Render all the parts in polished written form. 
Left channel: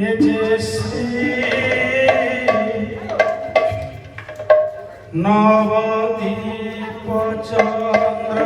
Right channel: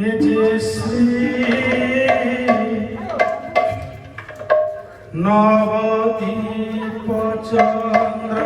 এ যে শ্রী নবদ্বীপ চন্দ্র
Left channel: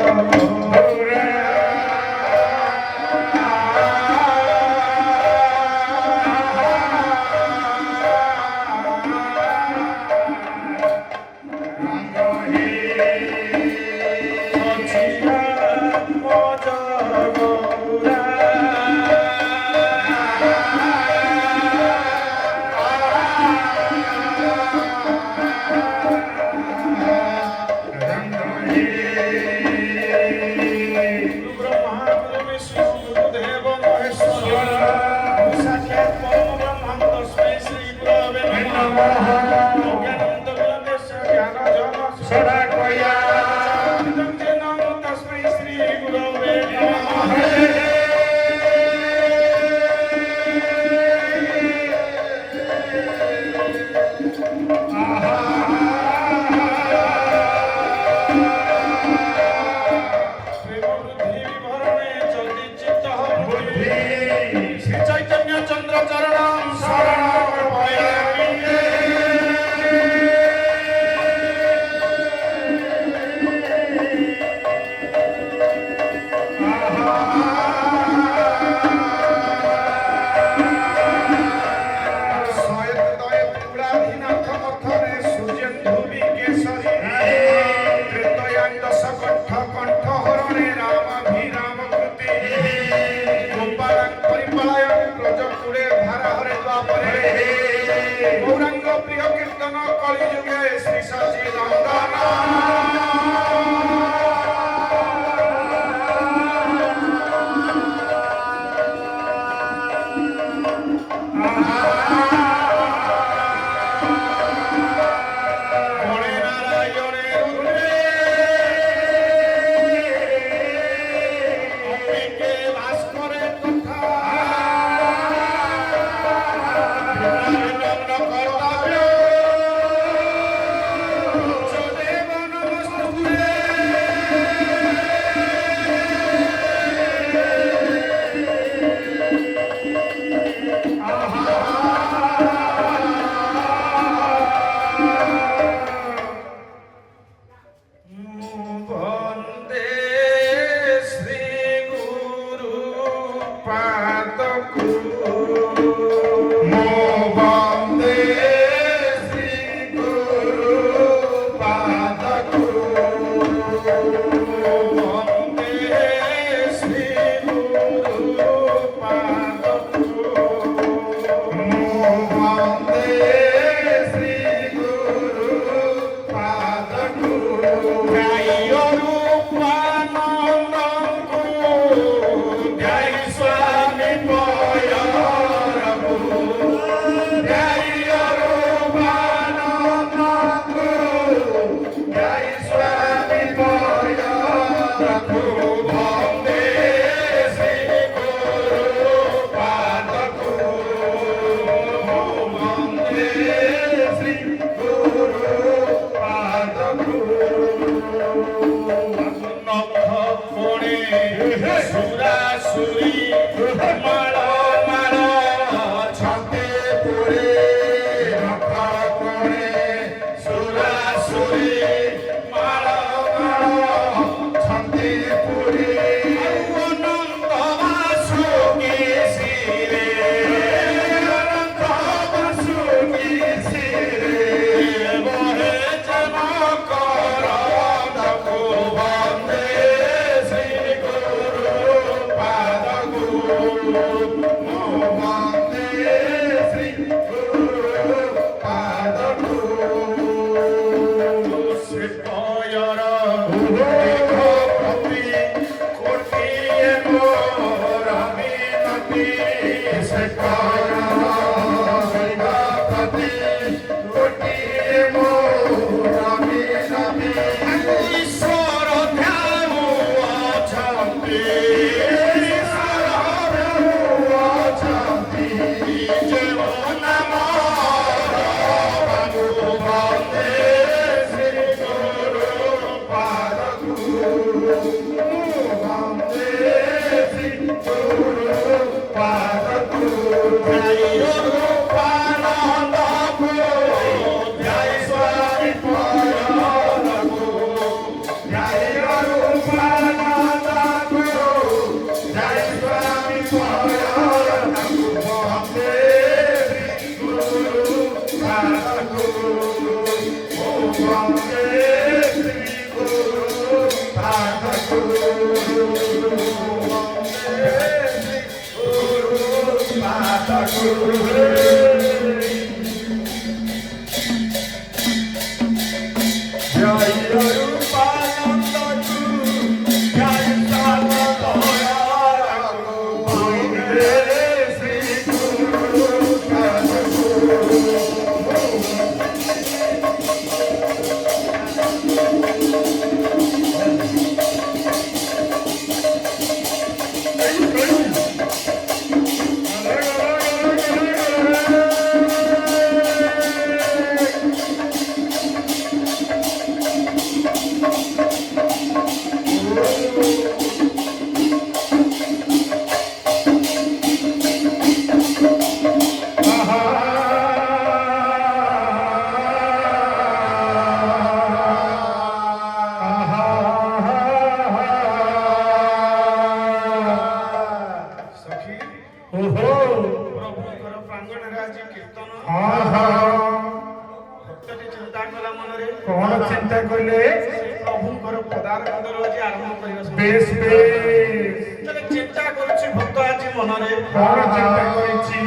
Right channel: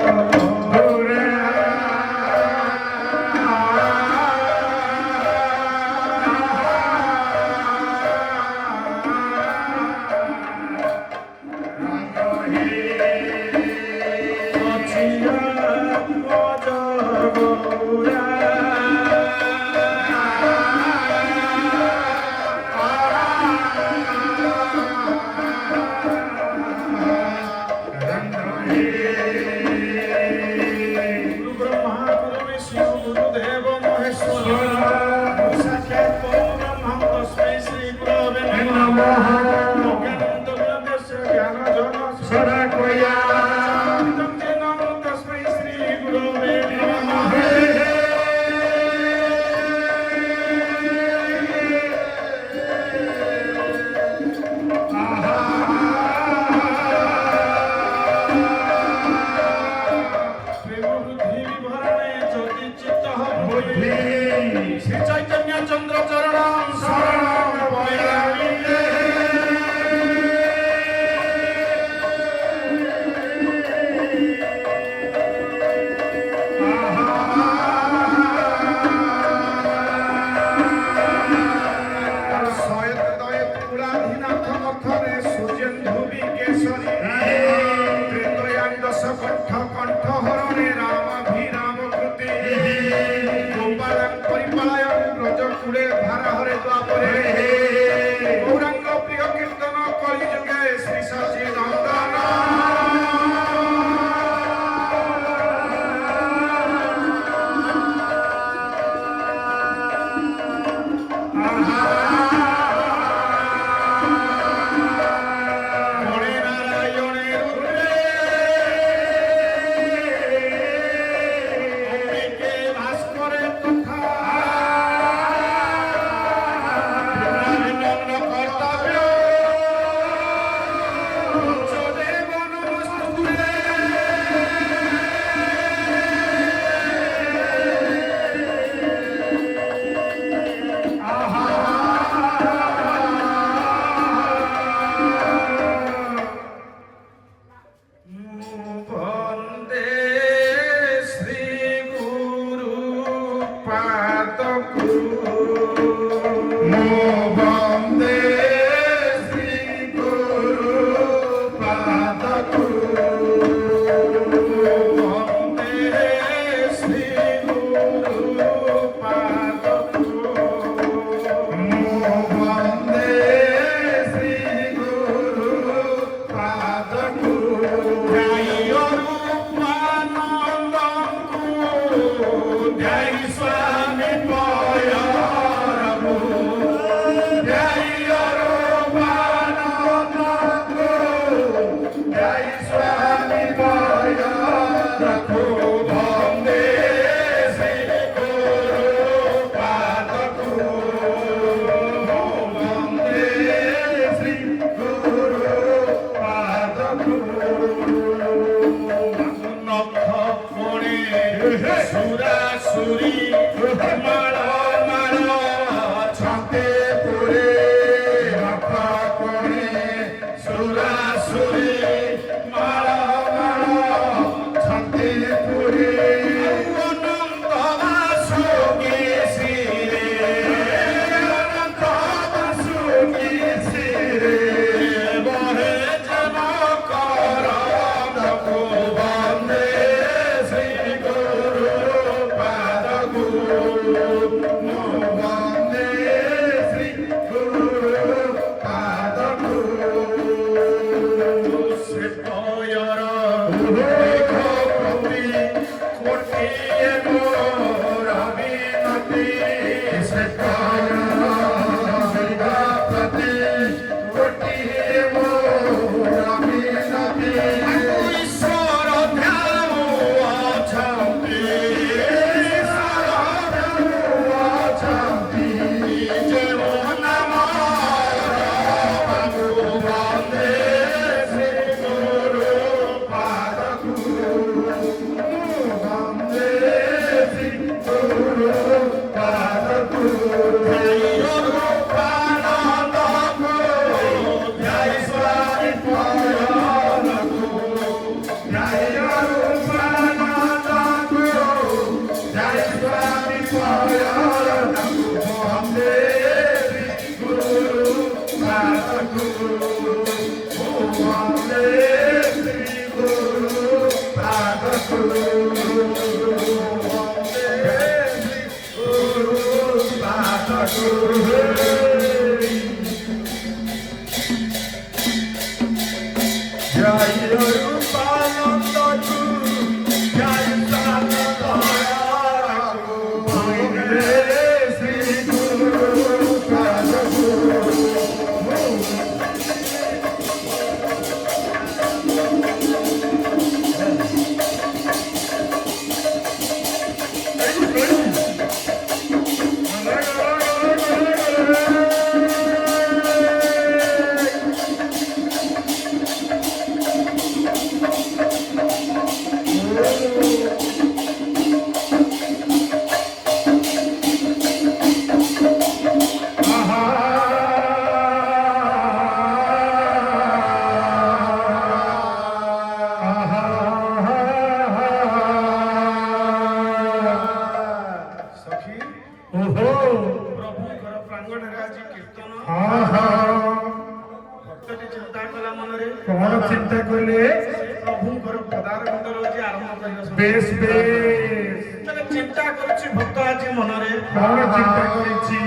ପଦାରବିନ୍ଦର ଆଜି ଆରମ୍ଭ କରିବା ସମୟ। বেশ বেশ ତେବେ ଚିନ୍ତା କରୁଛି ଭକ୍ତ ଆଜି ମନରେ କଣ চিন্তা করেছি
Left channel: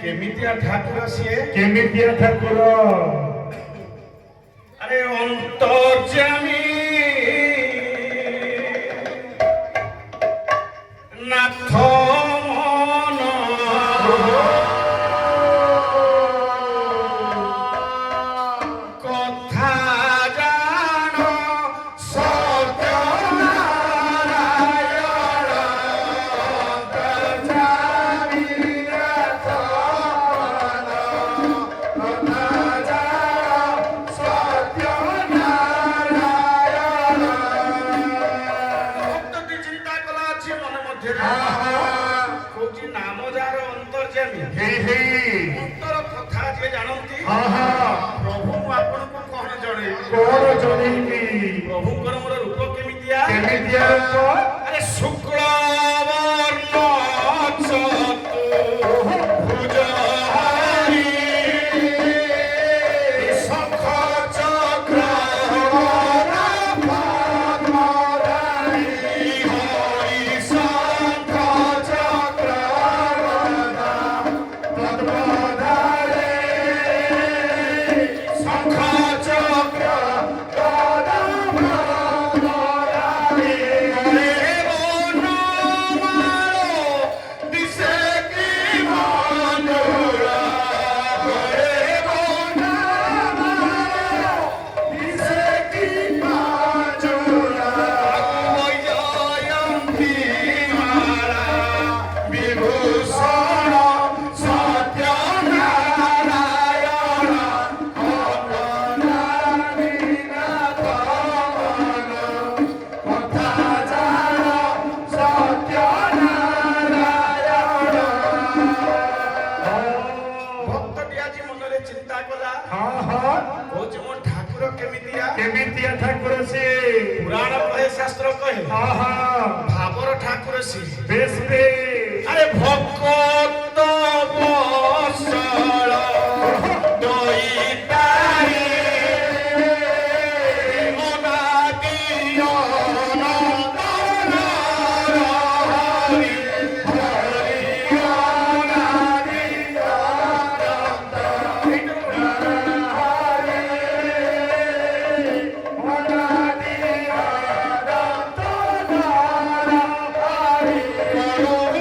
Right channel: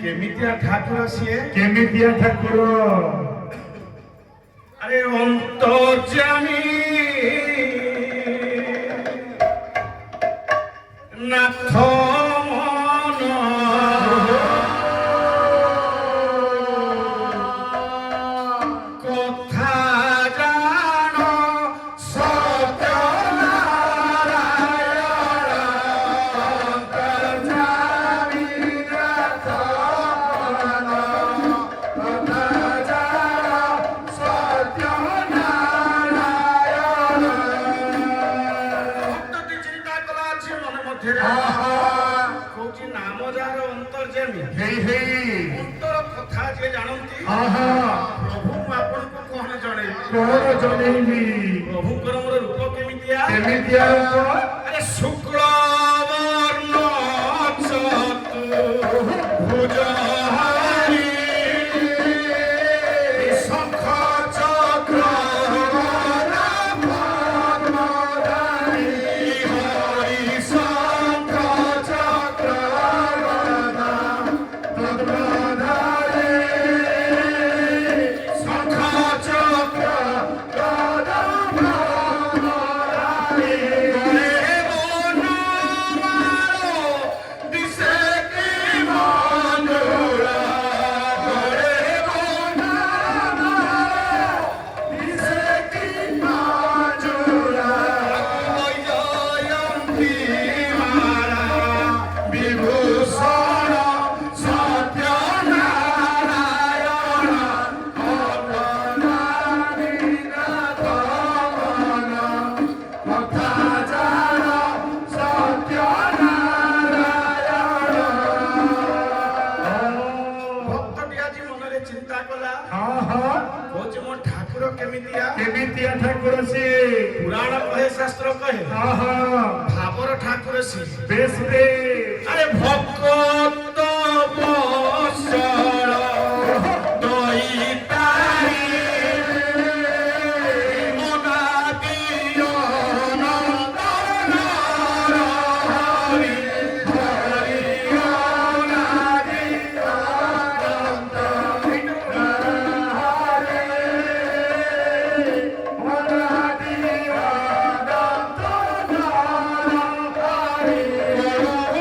କେମିତିଆ ଠାକୁର ସିଏ। কেমিতিয়া ঠাকুর আরে অন্তর্যামী নাথ মন কথা জান ভক্তটি চিন্তা করা আছে মনে মধ্যে কৌছি নাম যার অন্তর্যামী হেই হেই অন্তর কথা যে জানନ୍ତି আহা প্রভু ମୁଁ ଆପଣଙ୍କୁ କଣ ଜଣେଇବି। কোন জনেইবি ପ୍ରଭୁଙ୍କର ମୋର ରୂପ କେମିତିଆ। কেমিতিয়া আরে শুক্ল বর্ণ চতুর্ভুজহারি শঙ্খ চক্র পদ্মধারী হরি শঙ্খ চক্র পদ্মধারী শঙ্খ চক্র বিভূষণ সত্যনারায়ণ অঙ্গনারীনাথ মন কথা জান ভক্তটি আଜି মନରେ চিন্তা কলা আহা কହୁଛି ମୋ ଠାକୁର କେମିତିଆ। কেমিতিয়া ঠাকুর সে ପୁରାଣ କହେ ଶାସ୍ତ୍ର କହେ আহা ଭାବର ଠାକୁର ସିଏ। বেশ বেশ আরে ভক্ত বৎসল দইতারি অনাদি অনন্ত হরি হরি অনাদি অনন্ত হরি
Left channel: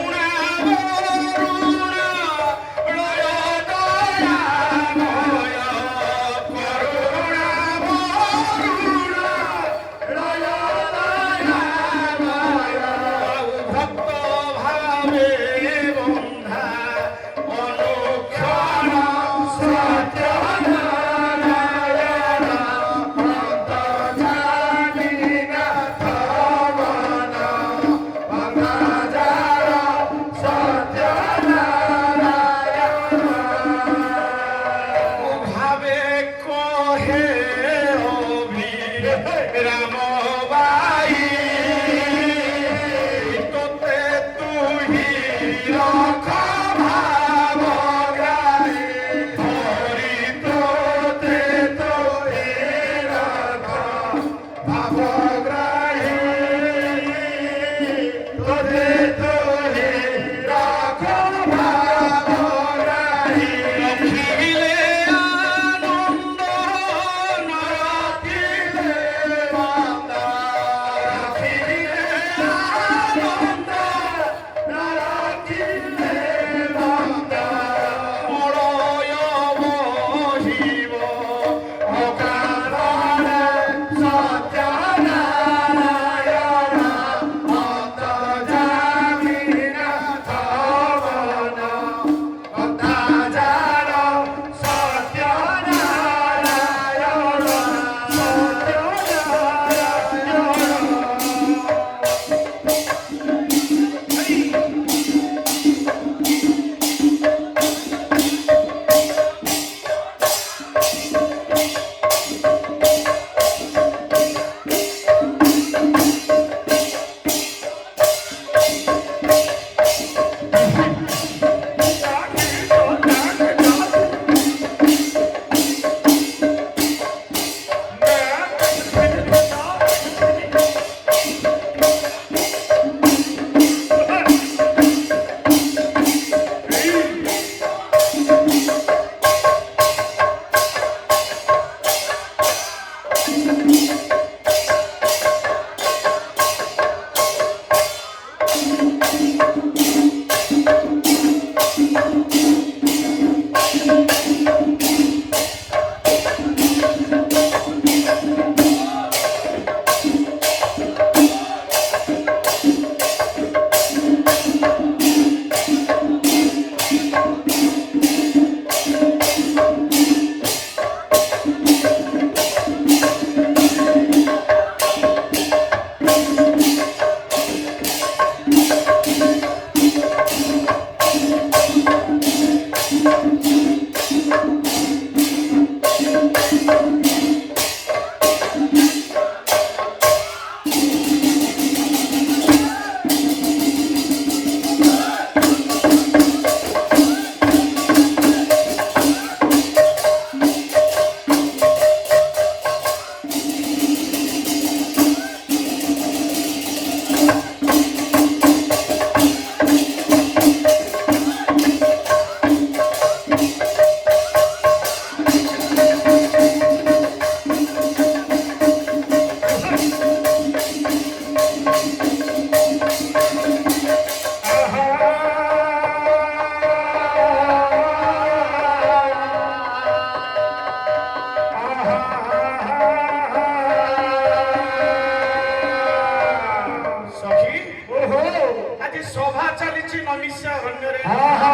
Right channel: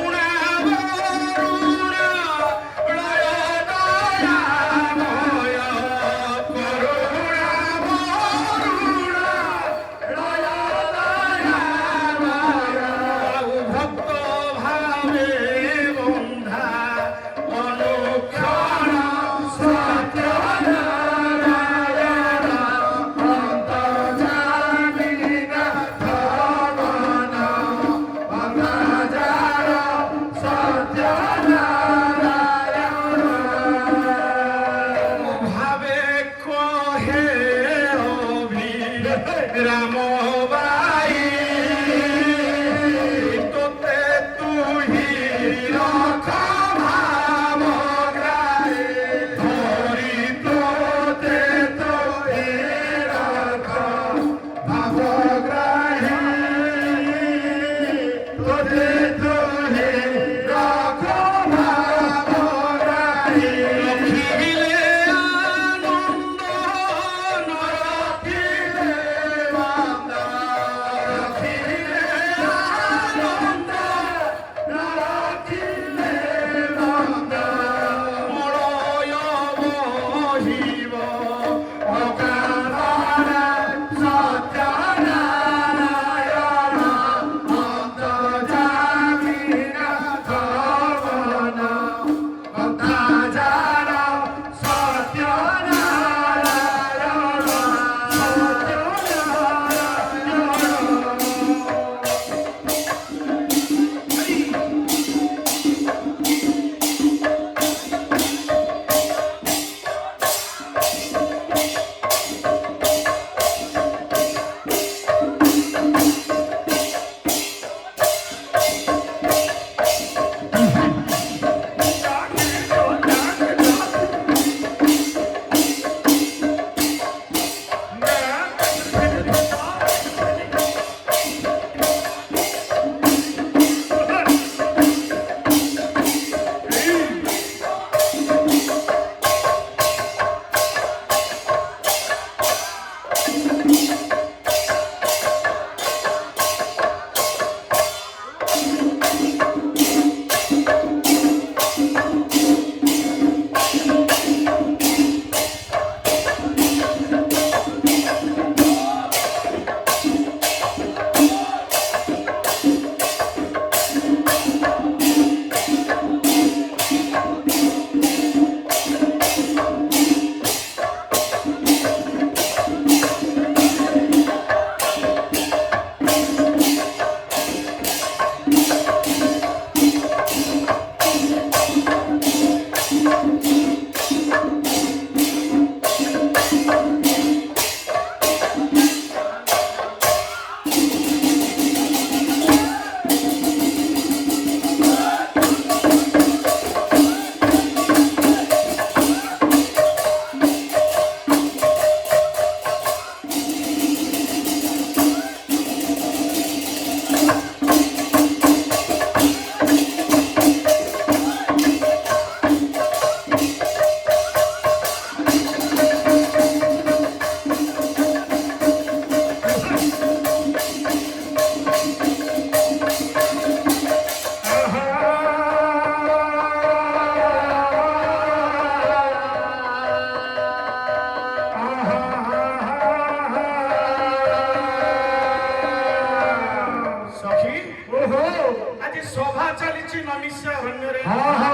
ନୈମିଷ୍ୟ ଅରଣ୍ୟରେ ହଁ ହଁ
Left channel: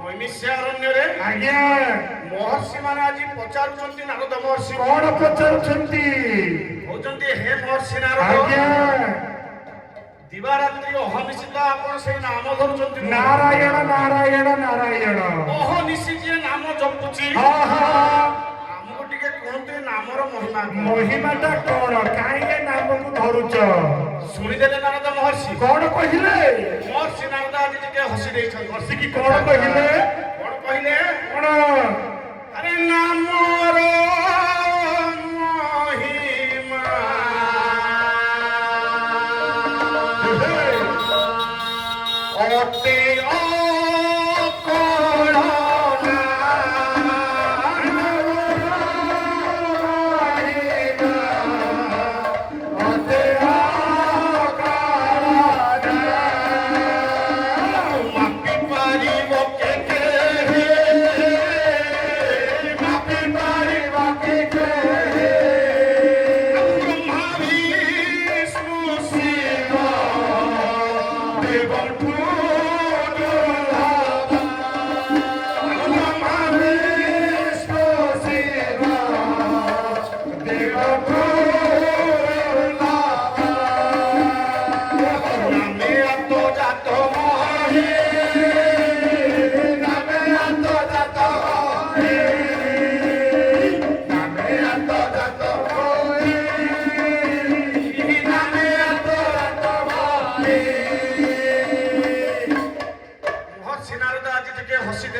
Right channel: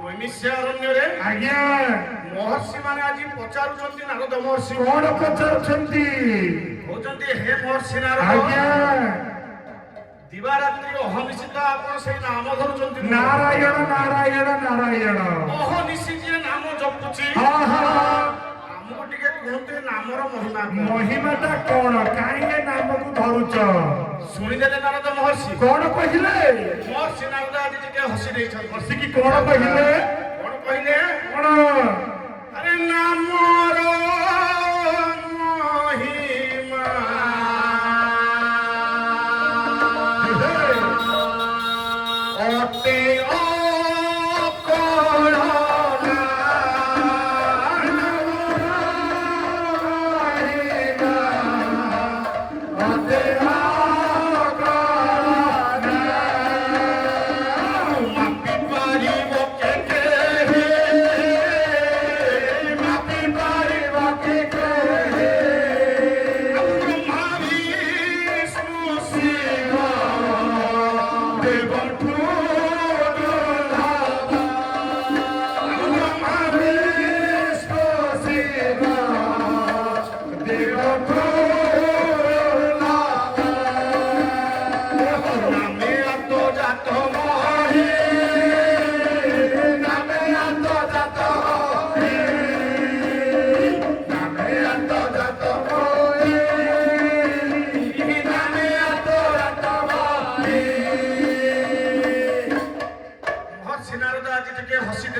ନୈମିଷ୍ୟ ଅରଣ୍ୟରେ ଆଜ୍ଞା ମହର୍ଷି ମାନେ ଆଜି ପଚାରୁଛନ୍ତି ନାରଦ ମହର୍ଷି କଣ ପଚାରୁଛନ୍ତି କହୁଛନ୍ତି ହେ ମହର୍ଷି ନାରଦ ଆଜ୍ଞା ଦିବାରାତ୍ରି ଅହନିଶିତ ଆପଣ ସେଇ ନାମ ଧରୁଛନ୍ତି ନାରାୟଣ ନାରାୟଣ ନାରାୟଣ ଅହନିଶି ଯିଏ ନାମ ଜପୁଛି ହଁ ହଁ ଆମକୁ ଟିକେ କୁହନ୍ତୁ ଏ ନାମର ମହିମା ମହିମାଟା କଣ କାହିଁକି ନାମକୁ ଧରୁଛ ଶୁଣିଦେଲେ ନାରଦ ମହର୍ଷି କଣ କହିଲେ ମହର୍ଷି ନାରଦ ଆଜି ଟିକେ ହସି ଦେଇଛନ୍ତି ବସିକି କଣ କହିଲେ କଣ କହିଲେ କଣ ଆରେ ନାମର ମହିମା ଅତି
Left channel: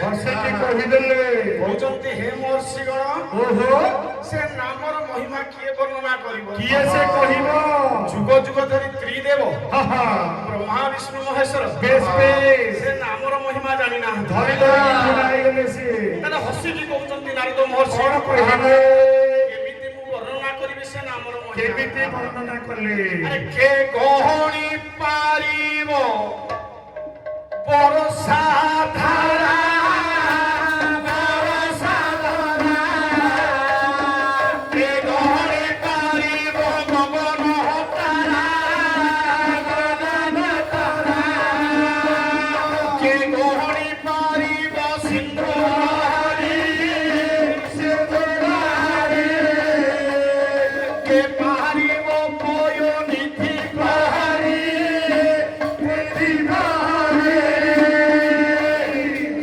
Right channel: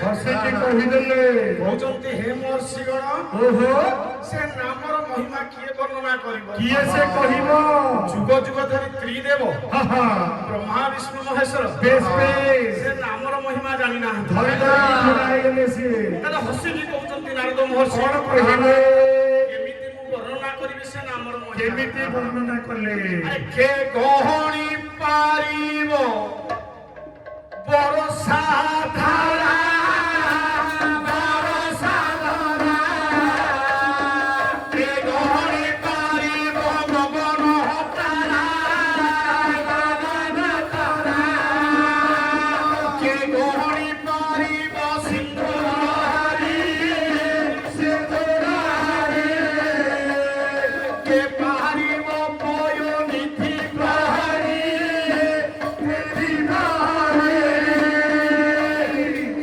ବସିକି କହିଦେଲେ କହୁଛନ୍ତି ହେ ମହର୍ଷିଗଣ ଓହୋ ସେ ନାମର ମହିମା କିଏ ବର୍ଣ୍ଣନା କରିବ କିଏ ସେ କହିବ ଯୁଗ ଯୁଗ ଧରି ତ୍ରିଦେବ ହଁ ହଁ ବ୍ରହ୍ମା ବିଷ୍ଣୁ ମହେଶ୍ୱର ବେଶ ବେଶ ସେ ନାମର ମହିମା ଜାଣିନାହାନ୍ତି ଧରିଲେ ସିଏ ତାହେଲେ ହସିକି କହୁଛନ୍ତି ନାରଦ ମହର୍ଷି କଣ କହିଲେ କେମିତି ମୁଁ ବର୍ଣ୍ଣନା କରିବି ସେ ନାମର ମହିମା କେମିତି ବର୍ଣ୍ଣନା କଲେ ଆରେ କେ ଗହଣି ପାରିବ ବରଷା ଧାରା ବରଷା ଧାରା କେ ଗହଣି ପାରିବ ଗଗନ ତାରା ଗଗନ ତାରା କେ ଗହଣି ପାରିବ ସିଂହ ହରି ସିଂହ ହରି କେ ପାରିବ ପୟ ନିଧି ପ୍ରହରୀ ନିଧି ପ୍ରହରୀ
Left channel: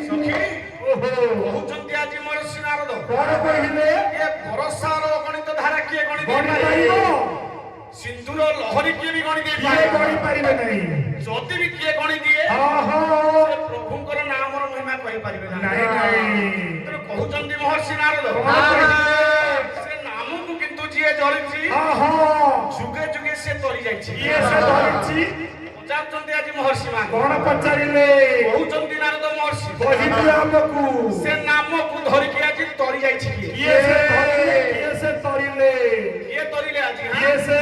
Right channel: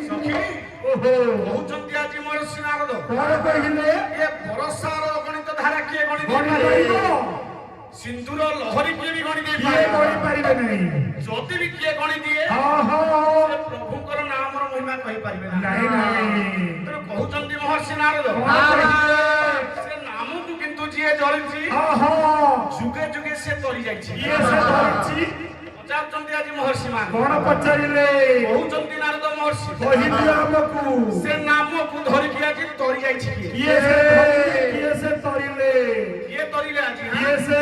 ସଖୀ ଓହୋ କହୁଛନ୍ତି ଆଜି ମହର୍ଷି ନାରଦ କଣ କହିଲେ ଏ ବରଷାର ଗଣିତ ଧାରା କିଏ ଗଣି ଗଣି ଦେଇପାରିବ ପାରିବ ସିନ୍ଧୁର ଲହରୀ କିଏ ବି ଗଣି କିଏ ଦେଇପାରିବ ଗଣି ପାରିବେ ନାହିଁ ଯଦି ବି କିଏ ଗଣି ଦିଏ ହଁ ହଁ ସେ ପ୍ରଭୁଙ୍କର ନାମର ମହିମା କହିପାରିବେ ନାଇଁ ନାଇଁ ତେଣୁ କହୁଛନ୍ତି ମହର୍ଷି ନାରଦ କଣ କହିଲେ ସେ ନାମକୁ କିନ୍ତୁ ଯିଏ ଜଳିଛି ହଁ ହଁ ଯୁଗେ ଯୁଗେ ସେ ତରି ଯାଇଛି କିଏ ସେ ଧରିଛି ପଚାରୁଛନ୍ତି ଆଜି ମହର୍ଷି ମା କଣ ପଚାରିଲେ କହୁଛନ୍ତି ନାରଦ ମହର୍ଷି କହିଲେ ଆମକୁ ସେ ନାମକୁ ଧରିକି ଆଜି ତରି ଯାଇଛି କିଏ କିଏ ସେ ଧରିଲେ କିଏ ସେ ତରିଲେ କିଏ ତରିଲେ ଆଜି କିଏ ସେ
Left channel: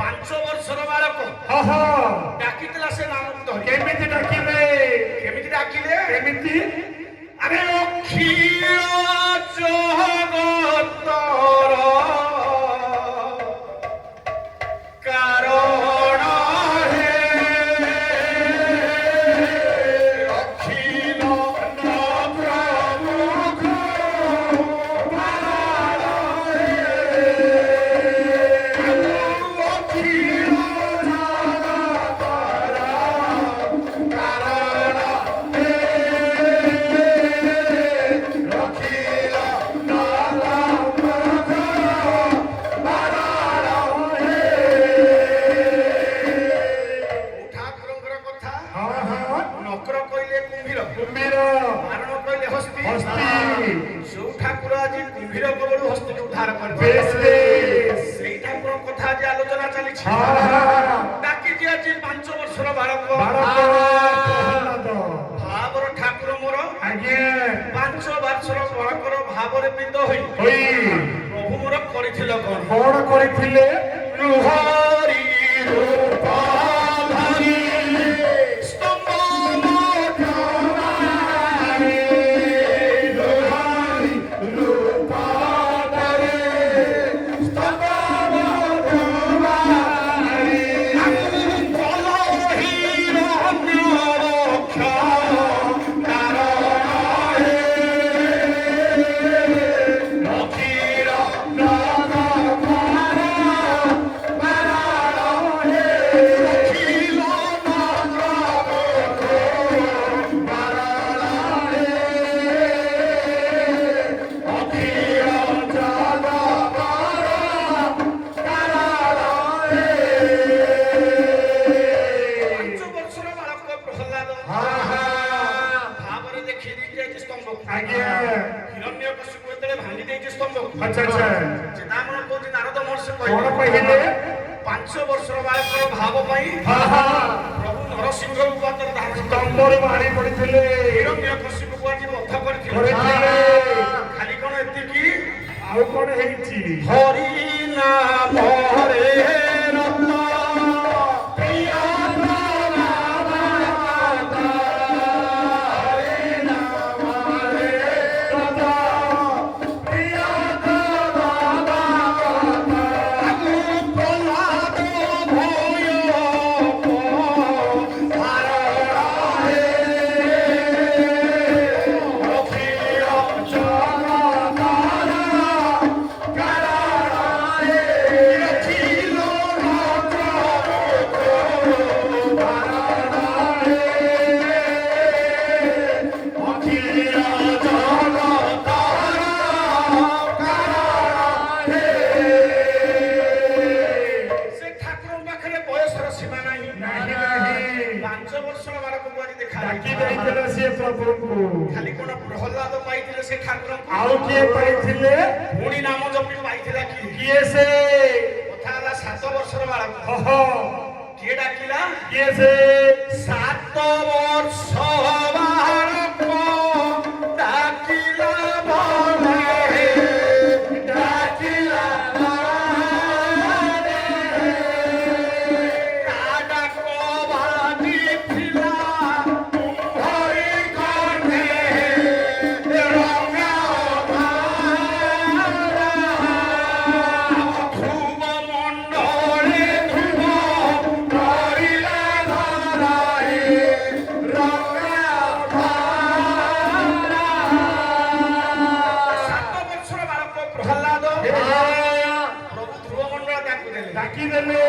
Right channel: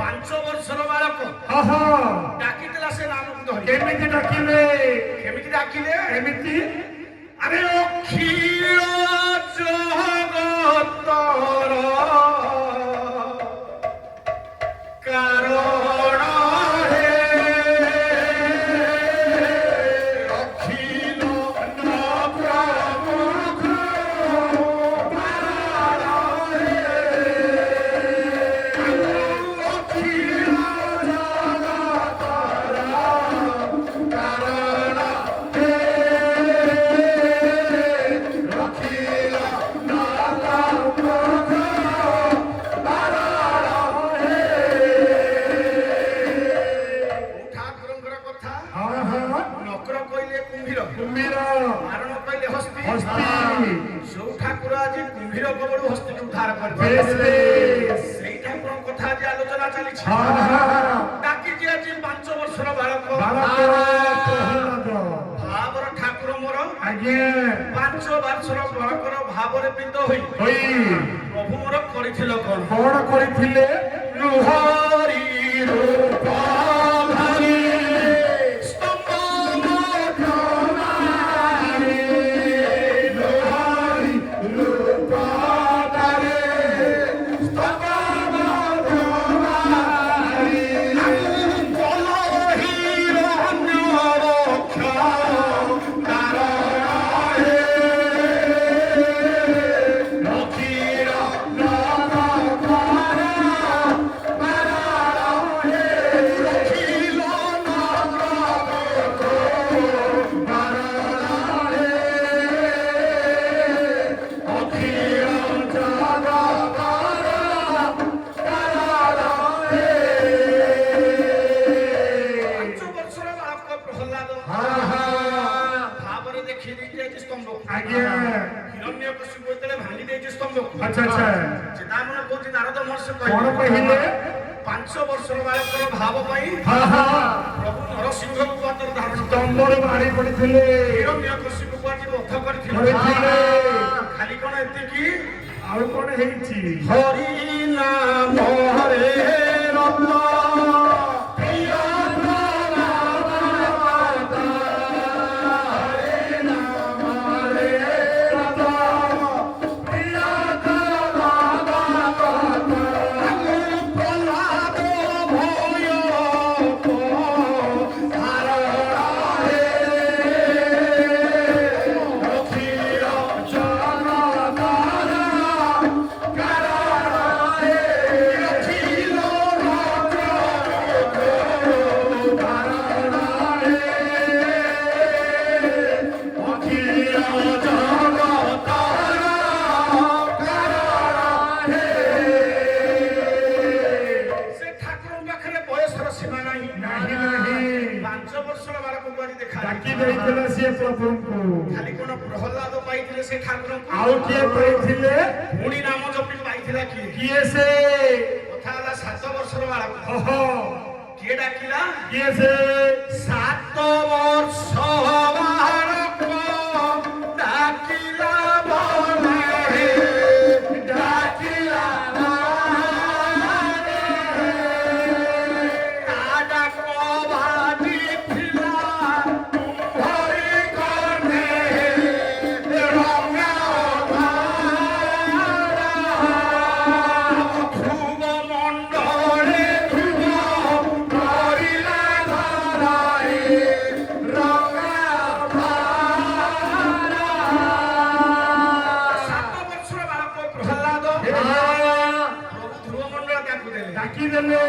5 ବର୍ଷର ବାଳକ ହଁ ହଁ ଡାକିଥିଲା ସେ ନାମକୁ ଧରି କେମିତି ଡାକିଲେ କେମିତି ଡାକିଲେ କେମିତି ଆରେ ଅଖିଳ ଜଗତର କାରଣ ହେ ଅଖିଳ ପ୍ରଭୁଙ୍କ କାରଣ ହେ ଅଖିଳ ଜଗତର କାରଣ ହେ ଅଖିଳ ଠାକୁରଙ୍କର କଥା ହଁ ହଁ ନକର କହିଲେ କୁମ୍ଭୀର କୁମ୍ଭୀର ମାରଣ କହିଲେ ହସ୍ତି ହସ୍ତି ଯୋଉ ଠାକୁର ଆଜି କୁମ୍ଭୀର କବଳରୁ ହସ୍ତିକୁ ଉଦ୍ଧାର ବେଶ କରିଥିଲେ ବେଶ ସେଇ ଠାକୁରଙ୍କ କଥା ଆଜି ଆଲୋଚନା ଚାଲିଛି ହଁ ଡାକିଛି ଆଜି 5 ବର୍ଷର ବାଳକ ପ୍ରହ୍ଲାଦ ଭାବର ଠାକୁର ମୋର ଆଜ୍ଞା 5 ବର୍ଷର ବାଳକର ଭାବରେ ପିତ ହୋଇ ହୋଇ ପ୍ରଭୁ ମୋର କରିଥିଲ କଣ କଣ କରିଥିଲେ ହରି ରୂପ ଧରି ସ୍ତମ୍ଭ ମଧ୍ୟମାରେ ହରି ରୂପ ଧରି ସ୍ତମ୍ଭ ମଧ୍ୟମାରେ କଲହି ରଣ୍ୟବ ବର୍ଷର ବାଳକ ପ୍ରହ୍ଲାଦ ଭାବରେ ଦେଖେଇ ଦେଇଛି ଆଜି ସ୍ତମ୍ଭକୁ। ଆଜ୍ଞା ହିରଣ୍ୟକଶିପୁ ଯେତେବେଳେ ଭାଙ୍ଗି ଦେଇଛି ସ୍ତମ୍ଭକୁ, ଆଚ୍ଛା ଆଚ୍ଛା ଚିନ୍ତାମଣ କହୁଛି ନାରଦ ମହର୍ଷି କଣ କହିଲେ? 5 ବର୍ଷର ବାଳକର ଭାବ ପାଇଁ ପ୍ରଭୁ ନରସିଂହ ଉପାଦାନ ଧାରଣ କଲେ। ତମର ମାରି ପଡିଥିଲେ ହିରଣ୍ୟକଶିପୁକୁ ଆଜି ବଧ କରିଥିଲେ। ଖାଲି କଣ ଏତିକି, ଆଉ କଣ ହେଇଛି? ହରି ନାମରେ ରତ ଖାଲି କଣ ପ୍ରହ୍ଲାଦ ପାଇଥିଲେ ସେ ଠାକୁରଙ୍କୁ? ଆଉ କିଏ ପାଇଥିଲେ? ପୁଣି ନାମ ଜପି ପାଇଥିଲା କିଏ? କିଏ ସେ? କଥା ହେଲା 7 ବର୍ଷର ବାଳକ। ଓହୋ କିଏ ଡାକିଲା? କିଏ ସେ? 7 ବର୍ଷ ବାଳକ ଡାକିଲା ବନେ, ଡାକିଲା ବନେ, ତା ଡାକ ବାଜିଥିଲା ହରି କର୍ଣ୍ଣେ ରଙ୍ଗା ଧ୍ରୁବ ମଣ୍ଡଳେ ଧ୍ରୁବ କରିଲା ଧରାଇ ରଙ୍ଗା 7 ବର୍ଷର ବାଳକ ପ୍ରହ୍ଲାଦ ପ୍ରଭୁ ଧ୍ରୁବ ମଣ୍ଡଳ ତାଙ୍କୁ ଦେଲେ। ଡାକିଦେଲେ।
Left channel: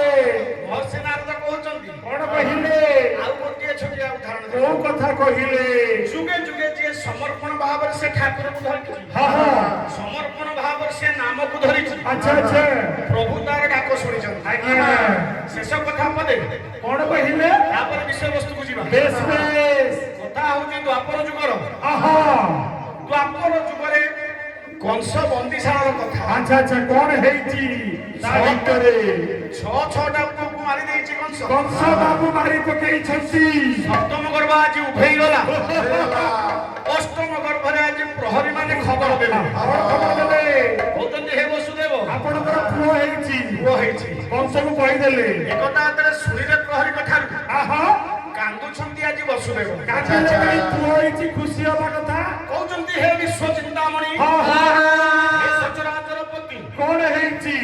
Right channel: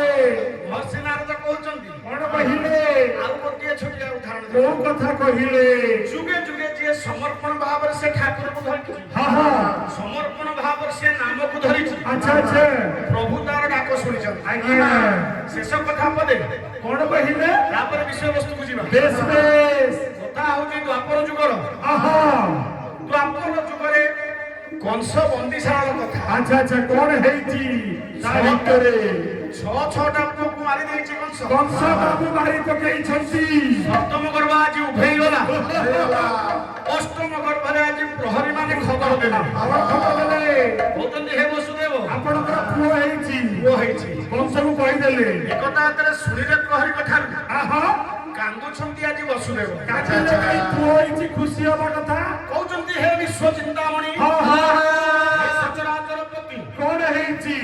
ମହର୍ଷି ନାରଦ କହୁଛନ୍ତି, କଣ କହିଲେ? ଆଉ ଗୋଟିଏ ଛୋଟିଆ ଉଦାହରଣ କୋଉ ଦେବି। କଥା କହିଲେ? ଯୁଗେ ଯୁଗେ ଯିଏ ସମର୍ପଣ ଭାବରେ ସେ ଠାକୁରଙ୍କୁ ଧରିଛି, ସମର୍ପଣ ଭାବରେ ସେ ନାମକୁ ଧରିଛି, ଆଚ୍ଛା ଆଚ୍ଛା ପ୍ରଭୁ ତାର ଡାକ ଶୁଣିଛନ୍ତି। ଆଜ୍ଞା ଶେଷ କଥା ପଦେ, କଣ କହିଲେ? ତାପରେ ବିଷୟବସ୍ତୁକୁ ଯିବା। ବେଶ ବେଶ କଥା ହଉଛି ଦ୍ୱାପର ଯୁଗର। ଆହା ଦ୍ୱାପର ଯୁଗରେ କଂସ ବନ୍ଦିଶାଳର କଥା। ଆଚ୍ଛା ଆଚ୍ଛା କଣ ହେଇଛି ତା ଭିତରେ? 6ଟା ପୁଅକୁ ମାରି ଦେଇଛି କଂସ। କଂସ ବାବୁ ମାରି ପକେଇଛନ୍ତି। ସପ୍ତମ ଗର୍ଭ ଆଜି ଉଭେଇ ଗଲା। ଅଷ୍ଟମ ଗର୍ଭରେ ଆଜି ପ୍ରହରୀ ମାନେ ଖବର ଦେଲେ। କଣ ଖବର ଦେଲେ? କହୁଛନ୍ତି ହେ ବସୁଦେବ, ଆପଣଙ୍କର ପୁଅ ହେଇଛି। ପୁଅ ହେଇଛି। କଂସକୁ କହିଦେଲେ। ଏକଥା ଯେତେବେଳେ ଶୁଣିଲେ ପ୍ରହରୀ କଥାରୁ ଆହା କାନ୍ଦୁଛନ୍ତି ଆଜି ବସୁଦେବ। କାଜଲ କାଇଁ ପୁଅ ହେଇଛି ଖୁସି ହବା କଥା। କହୁଛନ୍ତି ହେ ବିଶ୍ୱ ଚିନ୍ତାମଣି, ହଁ ହଁ ହେ ସଚରାଚର ପତି, କଣ ହେଇଛି?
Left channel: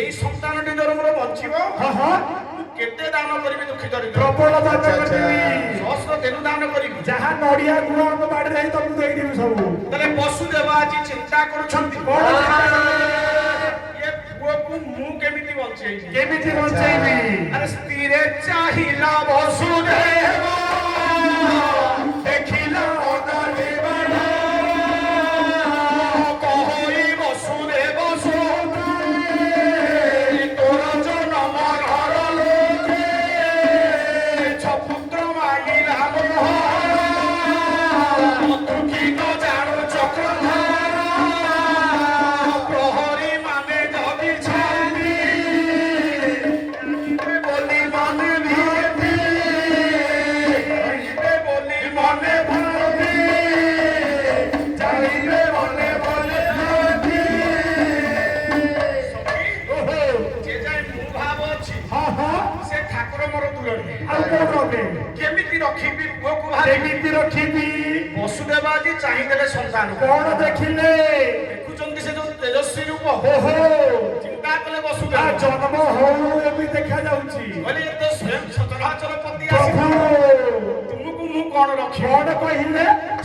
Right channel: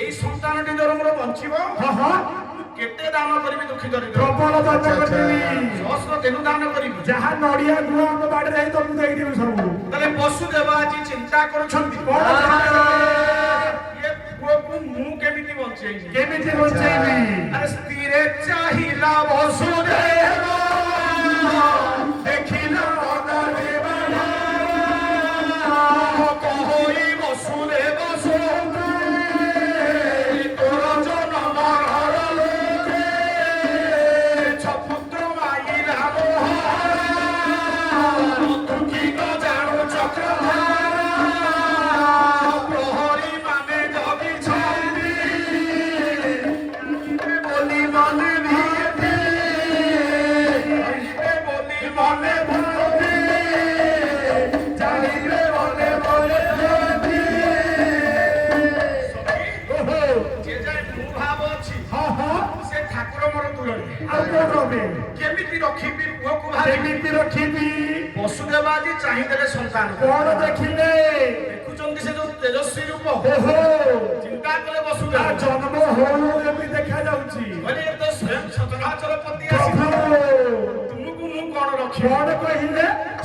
ଏଇ ସନ୍ତାନଟି ଧର ମୋର ବଞ୍ଚିବ, ହଁ ହଁ ମୁଁ କେତେ ଦାନ କରିବି ଦୁଃଖୀ ଦରିଦ୍ର, ପ୍ରବଳ ଦାନ କରିଦେବି। ସହସ୍ର ତେଣୁ ଦାନ କରିବି। ଯାହା ନଡିଆ ଗୁଣ ଆମ ବାଡିରେ ହେଇ ତମକୁ ଦେଇଦେବି ସବୁ। ତାହେଲେ ବସୁଦେବ ଆଜି ଚିନ୍ତା କରୁଛନ୍ତି, କଣ ଚିନ୍ତା କଲେ? ଏ ପୁଅକୁ ମୁଁ କେମିତି ବଞ୍ଚେଇବି? କେମିତି ବଞ୍ଚେଇବି? ଆରେ ସ୍ଥିରେ ଚାହିଲା ବସୁଦେବ, ଦେଖିଲା କହଇ ବସୁଦେବ ତୋର ଜନମ ଘର ଲୋକେ ଛପୁତ୍ର ମାଗିଲା ତୁ କି ନ ଜାଣୁ ଚକ୍ରଧାର ପ୍ରହରୀ ମାନେ ଜଗିଛନ୍ତି ବୋଲି ମନେ ନିୟତି ବୋଲି ମନେ ଭାବି ଜାଣିଲେ ମନେ ମନେ ଭାବି ଓହୋ ଯେ ଯାଏ ମୁଁ ଭାବ ଅଛି ହଁ ହଁ ସେ ଠାକୁର ମୋର ଦୂରରେ ଆଉ କୋଉ ରବେ? କେମିତି ରଖିବି ପୁଅକୁ ଭାବି କେମିତି ରଖିବି? ବସୁଦେବ ଆଜି ଚାହିଁଦେଲେ ସନ୍ତାନ କଣ ଦେଖିଲେ? ଦେଖୁଛନ୍ତି ସେ ଯୋଉ ତେଜସ୍ୱୀ ରୂପ ଓହୋ ଚିନ୍ତା କଲେ ତା ବସୁଦେବ ଜନ୍ମ ହଉ ଏମିତି ଦେଖା ଯାଉଛି। ମାନେ ଏ ତ ସ୍ୱୟଂ ସଚରାଚରପତି ଆସିବ ତୁମକୁ ମୁଁ କଣ ରଖିବି? କଣ କହିଲେ?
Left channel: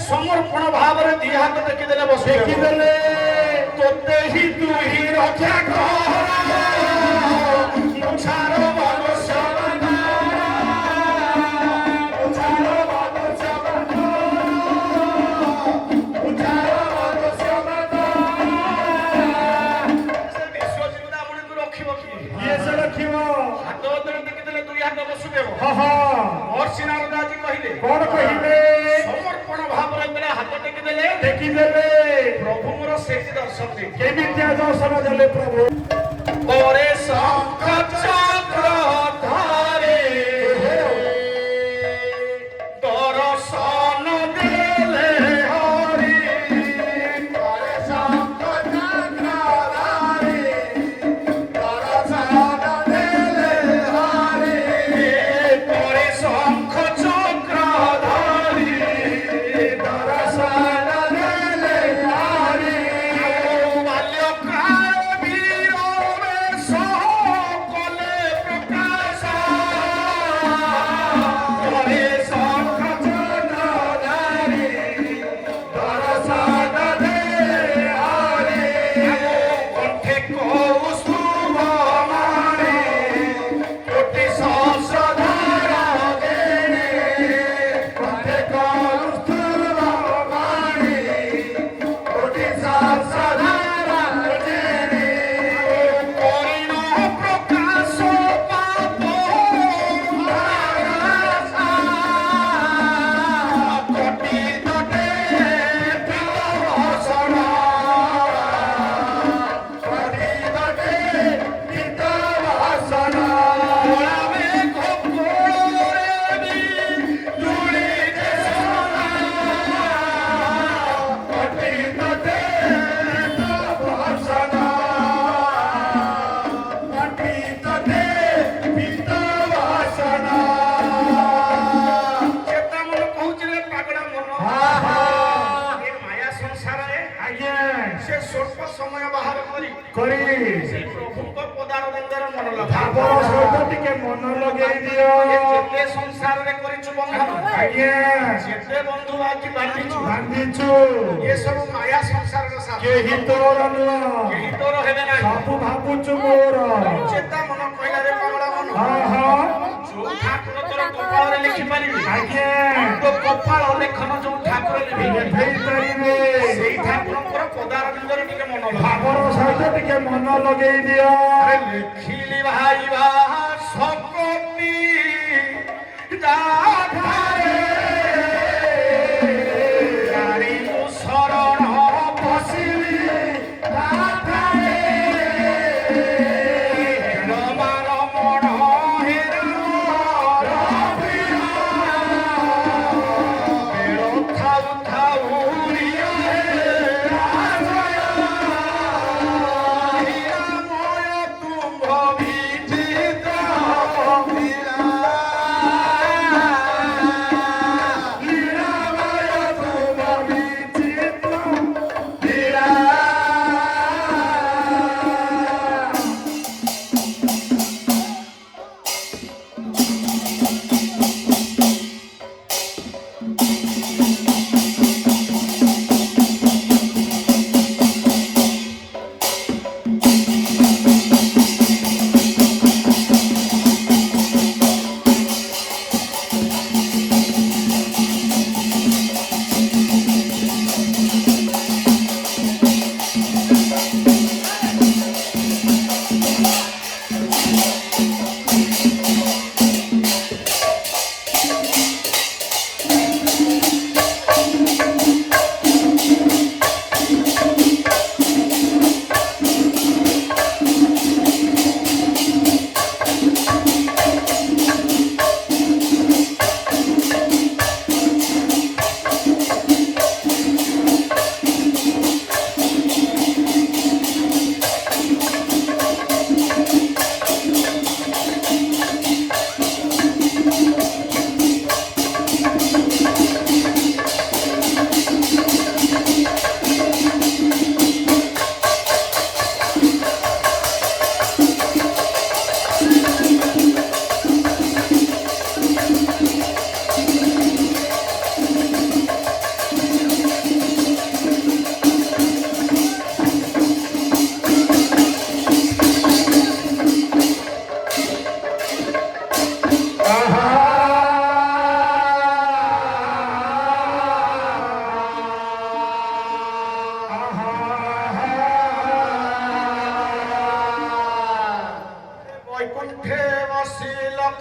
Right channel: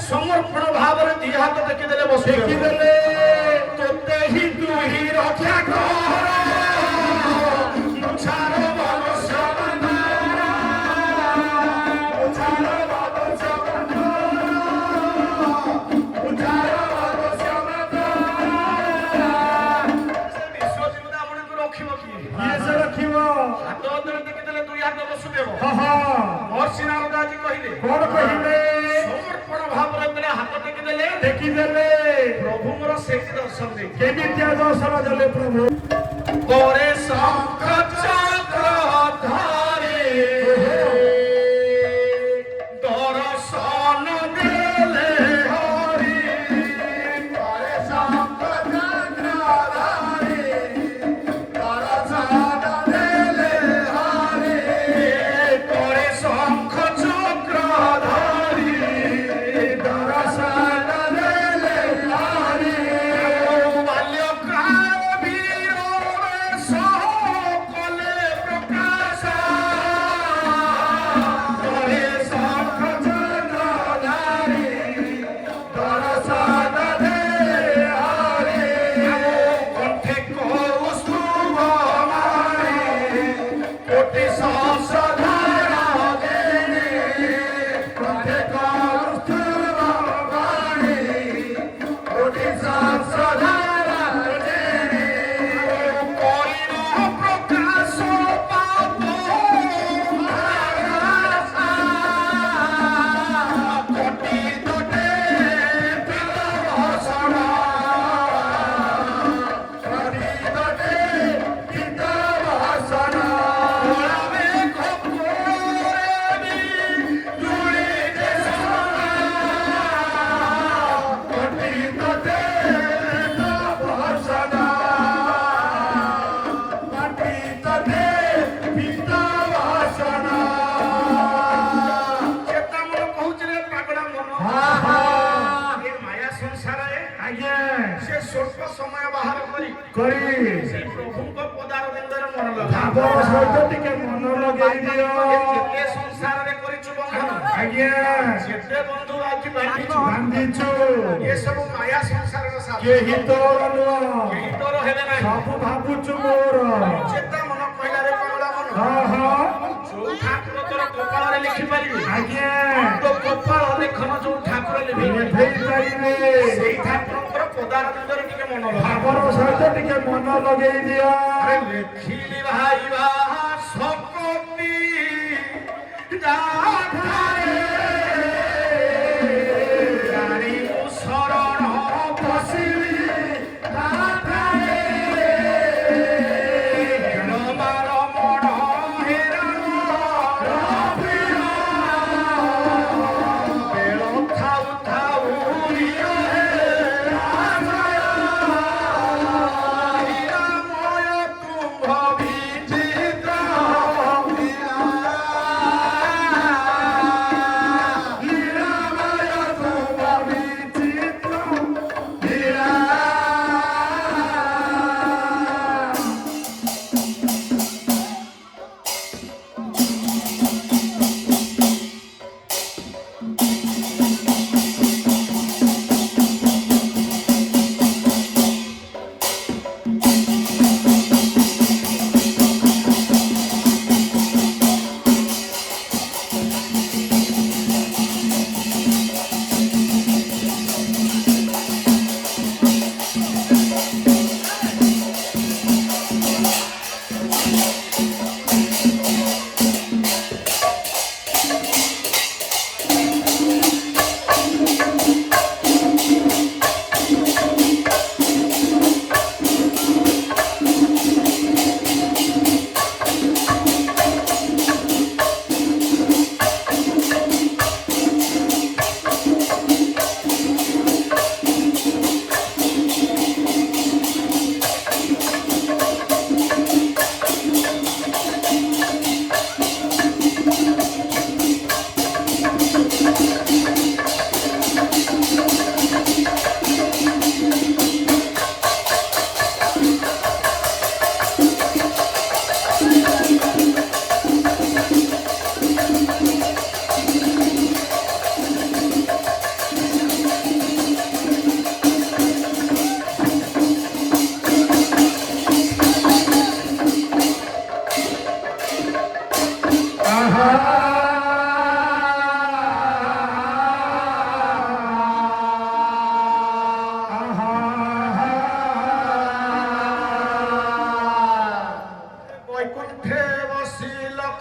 ସମର୍ପଣ ଭାବରେ ଦି ହାତ ଦେଖିଦେଲେ ବସୁଦେବ ଦେଖିଦେଲେ। ତୋତେ ହିଁ ତୁ ହିଁ ରକ୍ଷା କର ମୁଛାର ମନୁଷ୍ୟ ସେ ବିଶ୍ୱ ଚିନ୍ତାମଣିକୁ ରଖିବ କିଏ? କିଏ ସେ ରଖିବ? ହାତ ଅନ୍ତର ବସୁଦେବ ହଁ ହଁ ମହର୍ଷି ନାରଦ ଆଜି କହିଲେ କଣ କହିଲେ ସମର୍ପଣ ଭାବରେ ବେଳେ ହାତ ଟେକି ଦେଲେ ଦେଖିଦେଲେ ପ୍ରଭୁ ମୋର ସେଇଠି ଦର୍ଶନ ଦେଇଥିଲେ କେମିତିଆ ଦର୍ଶନ ଦେଲେ ପ୍ରଭୁ ପରେ ଶଙ୍ଖ ଚକ୍ର ଧରେ ଦର୍ଶନ ଦେଲେ ହରି ପରେ ଶଙ୍ଖ ଚକ୍ର ଧରେ ଦର୍ଶନ ଦେଲେ ହରି ପରେ ଶଙ୍ଖ ଚକ୍ର ଧରି ଦର୍ଶନ ଦେଲେ ହରି ବାଲ୍ୟକାଳ ବୀର ବେଶ କଲେ ପ୍ରକାଶ ହରେ ଶଙ୍ଖ ଚକ୍ର ଧରି ଦର୍ଶନ ଦେଲେ ହରି କଣ୍ଠେ କୌସ୍ତୁଭ ମାରି କୋଟି ସହସ୍ରଧାର ଦେଲେ କଣ୍ଠେ କୌସ୍ତୁଭ ମାରି କୋଟି ସହସ୍ରଧାର ଦେଲେ କରିଣ ପ୍ରକାଶ ପାପ କଟି ତଟେ ଭୀମଭୂଷଣ କଟି ତଟେ ଭୀମଭୂଷଣ ମେଘ କୋଳରେ ଧୂଳି ଦେଶନ କଟି ତଟେ ଭୀମଭୂଷଣ କଟି ତଟେ ଭୀମଭୂଷଣ କେତେ ମନ କହୁଛି ରେ ପାଗଳା ମନ ହଁ ହଁ ଏ ମାୟା ସଂସାରରେ ଆଜ୍ଞା ସେ ସ୍ୱଳ୍ପ ସମୟ ବାହାର କରି କରି ସେ ପ୍ରଭୁଙ୍କ ପଦାରବିନ୍ଦରେ ମନ ଭାବର ଲଗା ସହିତ ଟିକେ ମନ ଲଗେଇ ଦିଅ ଯେତେ ସଂସାରରେ କରିଛୁ ବନ୍ଧନ ଆଜ୍ଞା ଯେତେ ବନ୍ଧୁ ଆଜି ବାଣ୍ଟିଛୁ ବାନ୍ଧିଛୁ ଏସବୁ ମାୟା ସଂସାରର ସାର କେହି ତୋର ନୁହଁ କେହି ତୋର ହେବେ ନାହିଁ ସବୁ ଭାବୁଛୁ ମୋର ଚେତା ମନ କହିଲା ରେ ପାଗଳା ମନ ହଁ ହଁ ଯୋଉ ଠାକୁର ତୋର ଗୋପାଳରେ ଲେଖିପାରିବି ଆଜ୍ଞା ତୋ ଗୋପାଳ ଲେଖନ ଯୋଉ ଠାକୁର ଲେଖିପାରିବେ ଲେଖେଇ ପାରିବେ ସେଇ ଠାକୁରଙ୍କର ପଦାରବିନ୍ଦରେ ଟିକେ ମନ ଲଗା ଭାବର ସହିତ ଟିକେ ମନ ଲଗେଇ ଦିଅ ଲେଖିଲି ଭାଇବା ଶକତି ଯାଧାରେ ଜାଣି ମୁଁ ଶରଣ ପଶିଲି ଯାଧାରେ ରମାର ମଣ ହେରାର ପ୍ରିୟ ବେଳ ଥାଉ ଥାଉ ପ୍ରିୟରେ ଆଶ୍ରୟ ନିରାମୟ ତୁମ୍ଭ ବିଚିତ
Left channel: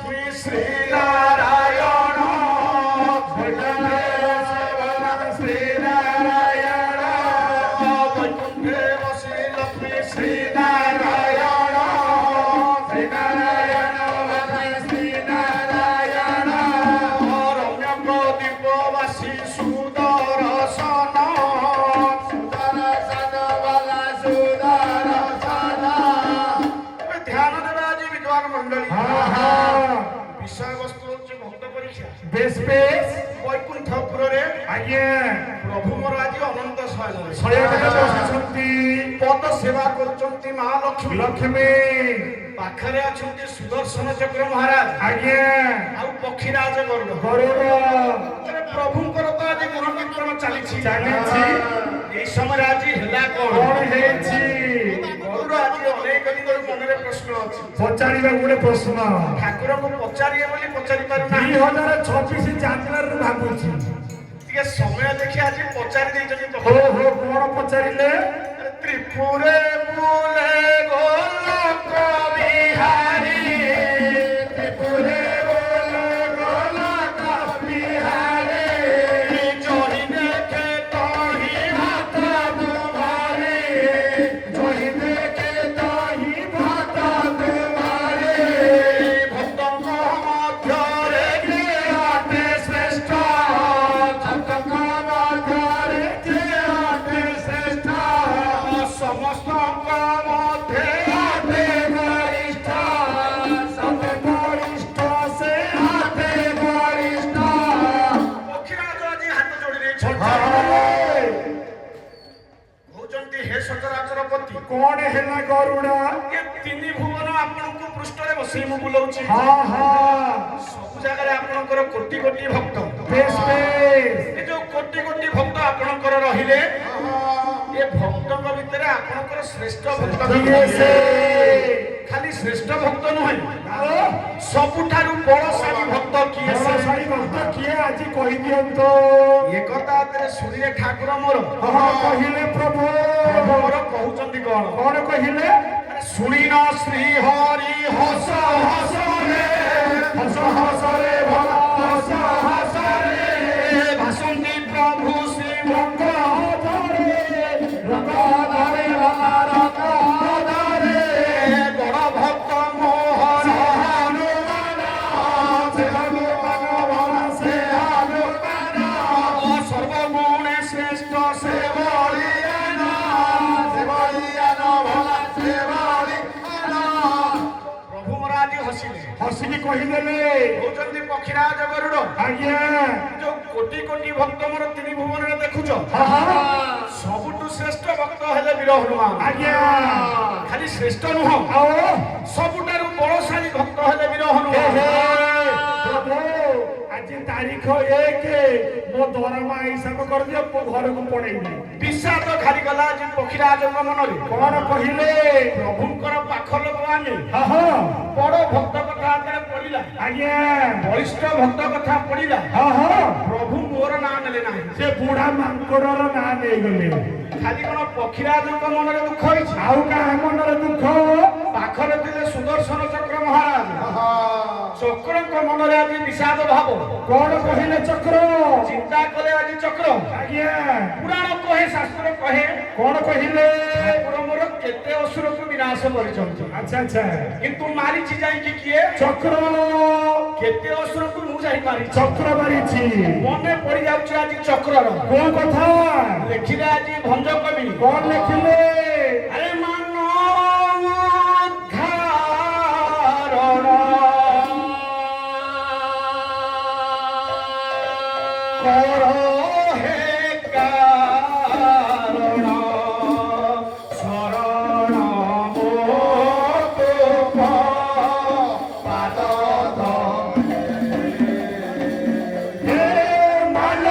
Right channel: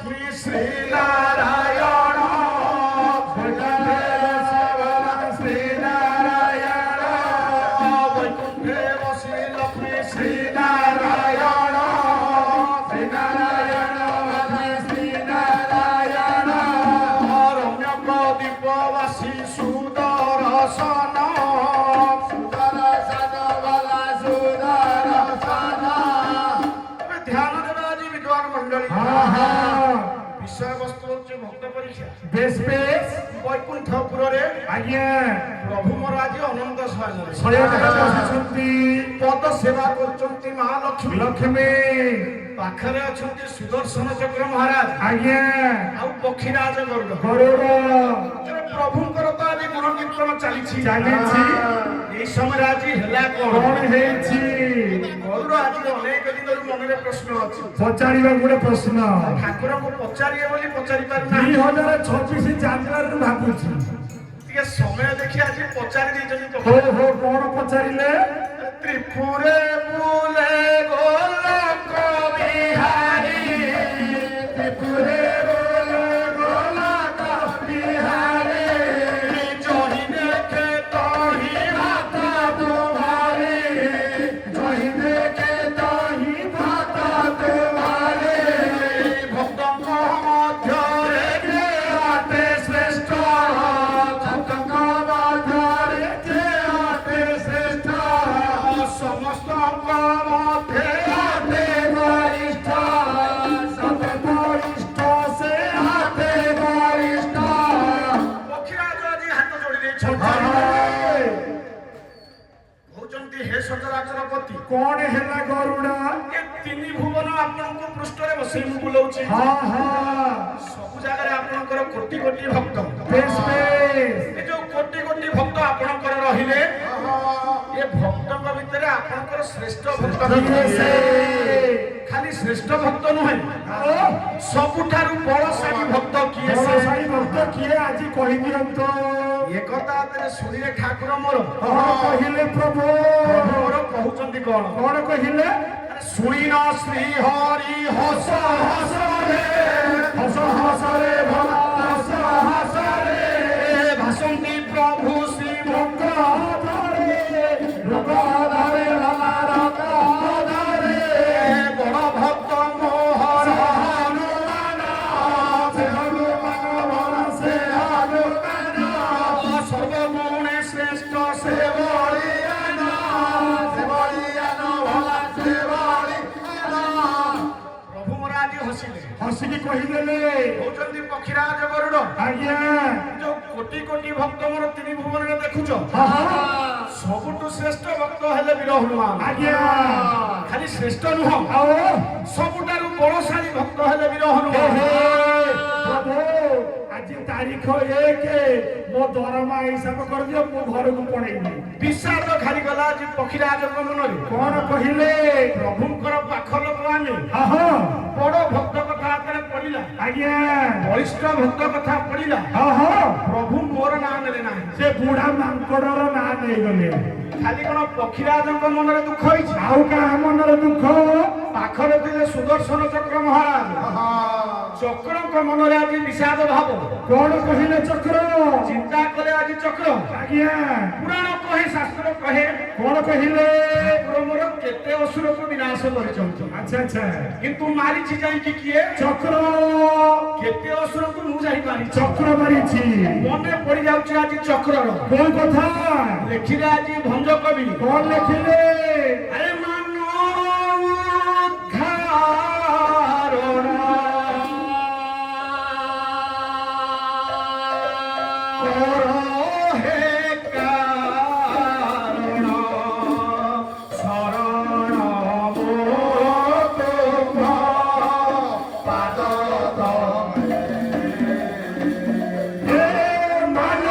ଲକ୍ଷ୍ମୀ ଶ୍ରୀ ନାରାୟଣ ଶ୍ରୀ ନାରାୟଣ ବୈକୁଣ୍ଠେ ବସି ଲକ୍ଷ୍ମୀ ଶ୍ରୀ ନାରାୟଣ ଶ୍ରୀ ନାରାୟଣ ଶ୍ରୀ ନାରାୟଣ ରମ୍ୟକ ଦୀପବାସୀ ସୁଦର୍ଶନ ଧ୍ୟାନ ଦେବା ଆଜି ବିଦ୍ୱାନ ମଣ୍ଡଳୀ ବିଷୟବସ୍ତୁ ହଉଛି ଭକ୍ତ ପରୀକ୍ଷା ବେଶ ବେଶ ବୈକୁଣ୍ଠପୁରରେ ଆଜ୍ଞା ପ୍ରଭୁ ମୋର ଆଜି ଅନନ୍ତ ସହଯୋଗ ଶୟନରେ ବସିଛନ୍ତି ପଦ ସେବା କରୁଛନ୍ତି ମହାଲକ୍ଷ୍ମୀ ଲକ୍ଷ୍ମୀ ପାଖରେ ଅଛନ୍ତି ସୁଦର୍ଶନ ଚକ୍ର ମହାରାଜ ଆଜ୍ଞା ଆଉ ପକ୍ଷୀରାଜ ଗରୁଡ଼ ଗରୁଡ଼ ପ୍ରଭୁଙ୍କର ତ ଆଜି ଗୁରୁ କୀର୍ତ୍ତନ ଚାଲିଛି ଚାଲିଛି এই ସମୟରେ ଆଜି ହେଲା କଣ କଣ ହେଇଛି ଗରୁଡ଼ ଆଜି ଅନେକ ଦିନର ମନରେ ପ୍ରଶ୍ନ ଅଛି ପଚାରିବା ଗୋଟେ ପ୍ରଶ୍ନ ଠାକୁରଙ୍କୁ ପଚାରିବେ ବୋଲି ପଚାରି ପାରୁନାହିଁ 2026 ଜାନୁଆରୀରୁ ଭାବୁଛି ଟିକେ ସମୟ ଦେଖି ଆଜି ପଚାରି ଦେଇଛନ୍ତି ତ ହୋ ହୋ କଣ ପଚାରିଲେ ତ୍ରିପୁରେ ବୁଲେ ଗୋଲକ ବିହାରୀ ତ୍ରିପୁରେ ବୋଲେ ଗୋଲକ ବିହାରୀ ଜହି ଦେଖେ ତହି ହାତ ତୁମାରେ ଜହି ଦେଖେ ତହି ଭାତ ତୁମାରେ ଭକ୍ତଙ୍କ ମଧ୍ୟରେ କେ ଆତେ ଶ୍ରେଷ୍ଠ ଭକ୍ତଙ୍କ ମଧ୍ୟରେ କେ ଆତେ ଶ୍ରେଷ୍ଠ ସମସ୍ତଙ୍କ ମଧ୍ୟରେ ଆତେ ବରିଷ୍ଠ ସତେ ବରିଷ୍ଠ ସେ ଆତେ ବରିଷ୍ଠ ପକ୍ଷୀରାଜ ଆଜି ହାତ ଯୋଡ଼ି ଦେଇଛନ୍ତି ହାଏ କହୁଛନ୍ତି ହେ ସଚରାଚରପତି କଣ ହେଲା ଗରୁଡ଼ା ଏ ତିନି ଭୁବନ ଆପଣଙ୍କୁ ପୃଷ୍ଠରେ ବସେଇ ମୁଁ ବୁଲଉଛି ହଁ ହଁ ସବୁ ଜାଗାରେ ଆପଣଙ୍କର କୋଟି କୋଟି ଭକ୍ତ ବେଶ ବେଶ ଏ ଯୋଉ କୋଟି କୋଟି ଭକ୍ତ ଆପଣଙ୍କର ରହିଲେ ଏ ଭକ୍ତଙ୍କ ଭିତରେ ଆପଣଙ୍କର ଶ୍ରେଷ୍ଠ ଭକ୍ତ କିଏ ସେ ଖାଲି ଶ୍ରେଷ୍ଠ ଭକ୍ତ ନୁହେଁ ଆଉ ସବୁଠାରୁ ବଳଶାଳୀ ଭକ୍ତ କିଏ ସେ ବଳଶାଳୀ ଭକ୍ତ କିଏ ଆଜି କହିଦିଅନ୍ତୁ ଏ କଥା ଏଥିରେ ଶୁଣିଲେ ଠାକୁର ମୋର ହଁ କହିଲେ ପ୍ରଭୁ ମୋର କହୁଛନ୍ତି କଣ କଣ କହିଲେ ଶୁଣିନ ଶ୍ରୀ ହରି ହସ ହସ ରେ ହସ ହସରେ ଭଲ ହସ ହସରେ ଭାସନ୍ତି ପ୍ରଭୁ ଶ୍ରୀ ରଙ୍ଗ ଧରେ ରଙ୍ଗ ଧରେ ଭଲ ରଙ୍ଗ ଧରେ ବଡ଼ ଭକ୍ତ ମୋହନ ହନୁମାନ ସେ ହନୁମାନ ସେ ହନୁମାନ ସର୍ବଗୁଣେ ଶ୍ରେଷ୍ଠ ସେ ବଳିଦାନ ସେ ବଳିଦାନ ଭଲା ସେ ବଳିଦାନ ପ୍ରଭୁ ମୋର ଆଜି ହସିଲେ ହସିକି କହିଦେଲେ କହୁଛନ୍ତି ପକ୍ଷୀରାଜ ଗରୁଡ଼ ଆଜ୍ଞା ଯୋଉ କୋଟି କୋଟି ଭକ୍ତ ମୋର ତିନି ଭୁବନରେ ଦେଖୁଛ ହଁ ହଁ ସବୁଠୁ ଶ୍ରେଷ୍ଠ ଭକ୍ତ ହେଲେ ବୀର ହନୁମାନ ଆଜ୍ଞା ଖାଲି ଶ୍ରେଷ୍ଠ ନୁହଁ ଆଉ ସବୁଠାରୁ ବଳଶାଳୀ ଭକ୍ତ ହେଲେ ବୀର ହେ ହନୁମାନ ହେ ପ୍ରଭୁ ଆଜି ତାରିଖ 1 ମୋ ଦରମା ହିସାବ କରିଦିଅ ମୁଁ ଘରକୁ ପଳେଇବି ବିଷାଦ ଘାରିଗଲା ଆଜି ପକ୍ଷୀରାଜଙ୍କ ମନରେ କଣ କହିଲେ ପ୍ରଭୁଙ୍କର ପାଖ ଲୋକ ଆମେ ହଁ ହଁ ବଡ ଭକ୍ତ କଥା ହାତରେ ପଡିଲା ଆଜ୍ଞା ବଳିଷ୍ଠ ଭକ୍ତ କଥା ପଡିଲା ହଁ ହଁ ପ୍ରଭୁ ମୋର ନାଁ ନେଲେ ନାହିଁ ସେ ବୁଢା ମାଙ୍କଡର ନାଁ ନେଇଗଲେ ଖାଲି କଣ ପକ୍ଷୀରାଜଙ୍କ ମନରେ ଦୁଃଖ ହେଇଛି ଆଉ କାହା ମନରେ ଦୁଃଖ ପାଖରେ ଥିଲେ ସୁଦର୍ଶନ ଚକ୍ର ମହାରାଜ ଚକ୍ରଙ୍କ ମନରେ ଆଜି ବିଷାଦ ଭାବ କଣ କହିଲେ ଚକ୍ର ଚିନ୍ତା କଲେ ଆଜି ଚକ୍ର ଆଜ୍ଞା ପୁରାଣ କହେ ଶାସ୍ତ୍ର କହେ କଣ କହିଲେ ଠାକୁର ମୋର କେତେ ଅସୁରକୁ ବିନାଶ କରିଛନ୍ତି ଆଚ୍ଛା ଆଚ୍ଛା କିନ୍ତୁ ମାରିଛି ଯାଇକି କିଏ ଚକ୍ର କେତେ ଅସୁରକୁ ମୁଁ ଯାଇ ମାରିଛି ଚକ୍ର ମାରିଛି ମନେ ପଡି ଯାଉଛି ଆଜି ଚକ୍ରର କୋଉ କଥା ଲେଖିଲେ ଆଜି ଭଞ୍ଜ କବି କଣ ଲେଖିଲେ ଆରେ ମାନ ଉଦ୍ଧାରଣ କର ହେ କାରଣ ଶରଣ ମୋ ତୁମ ପାଦ ତଳେ। ହେ ମାନ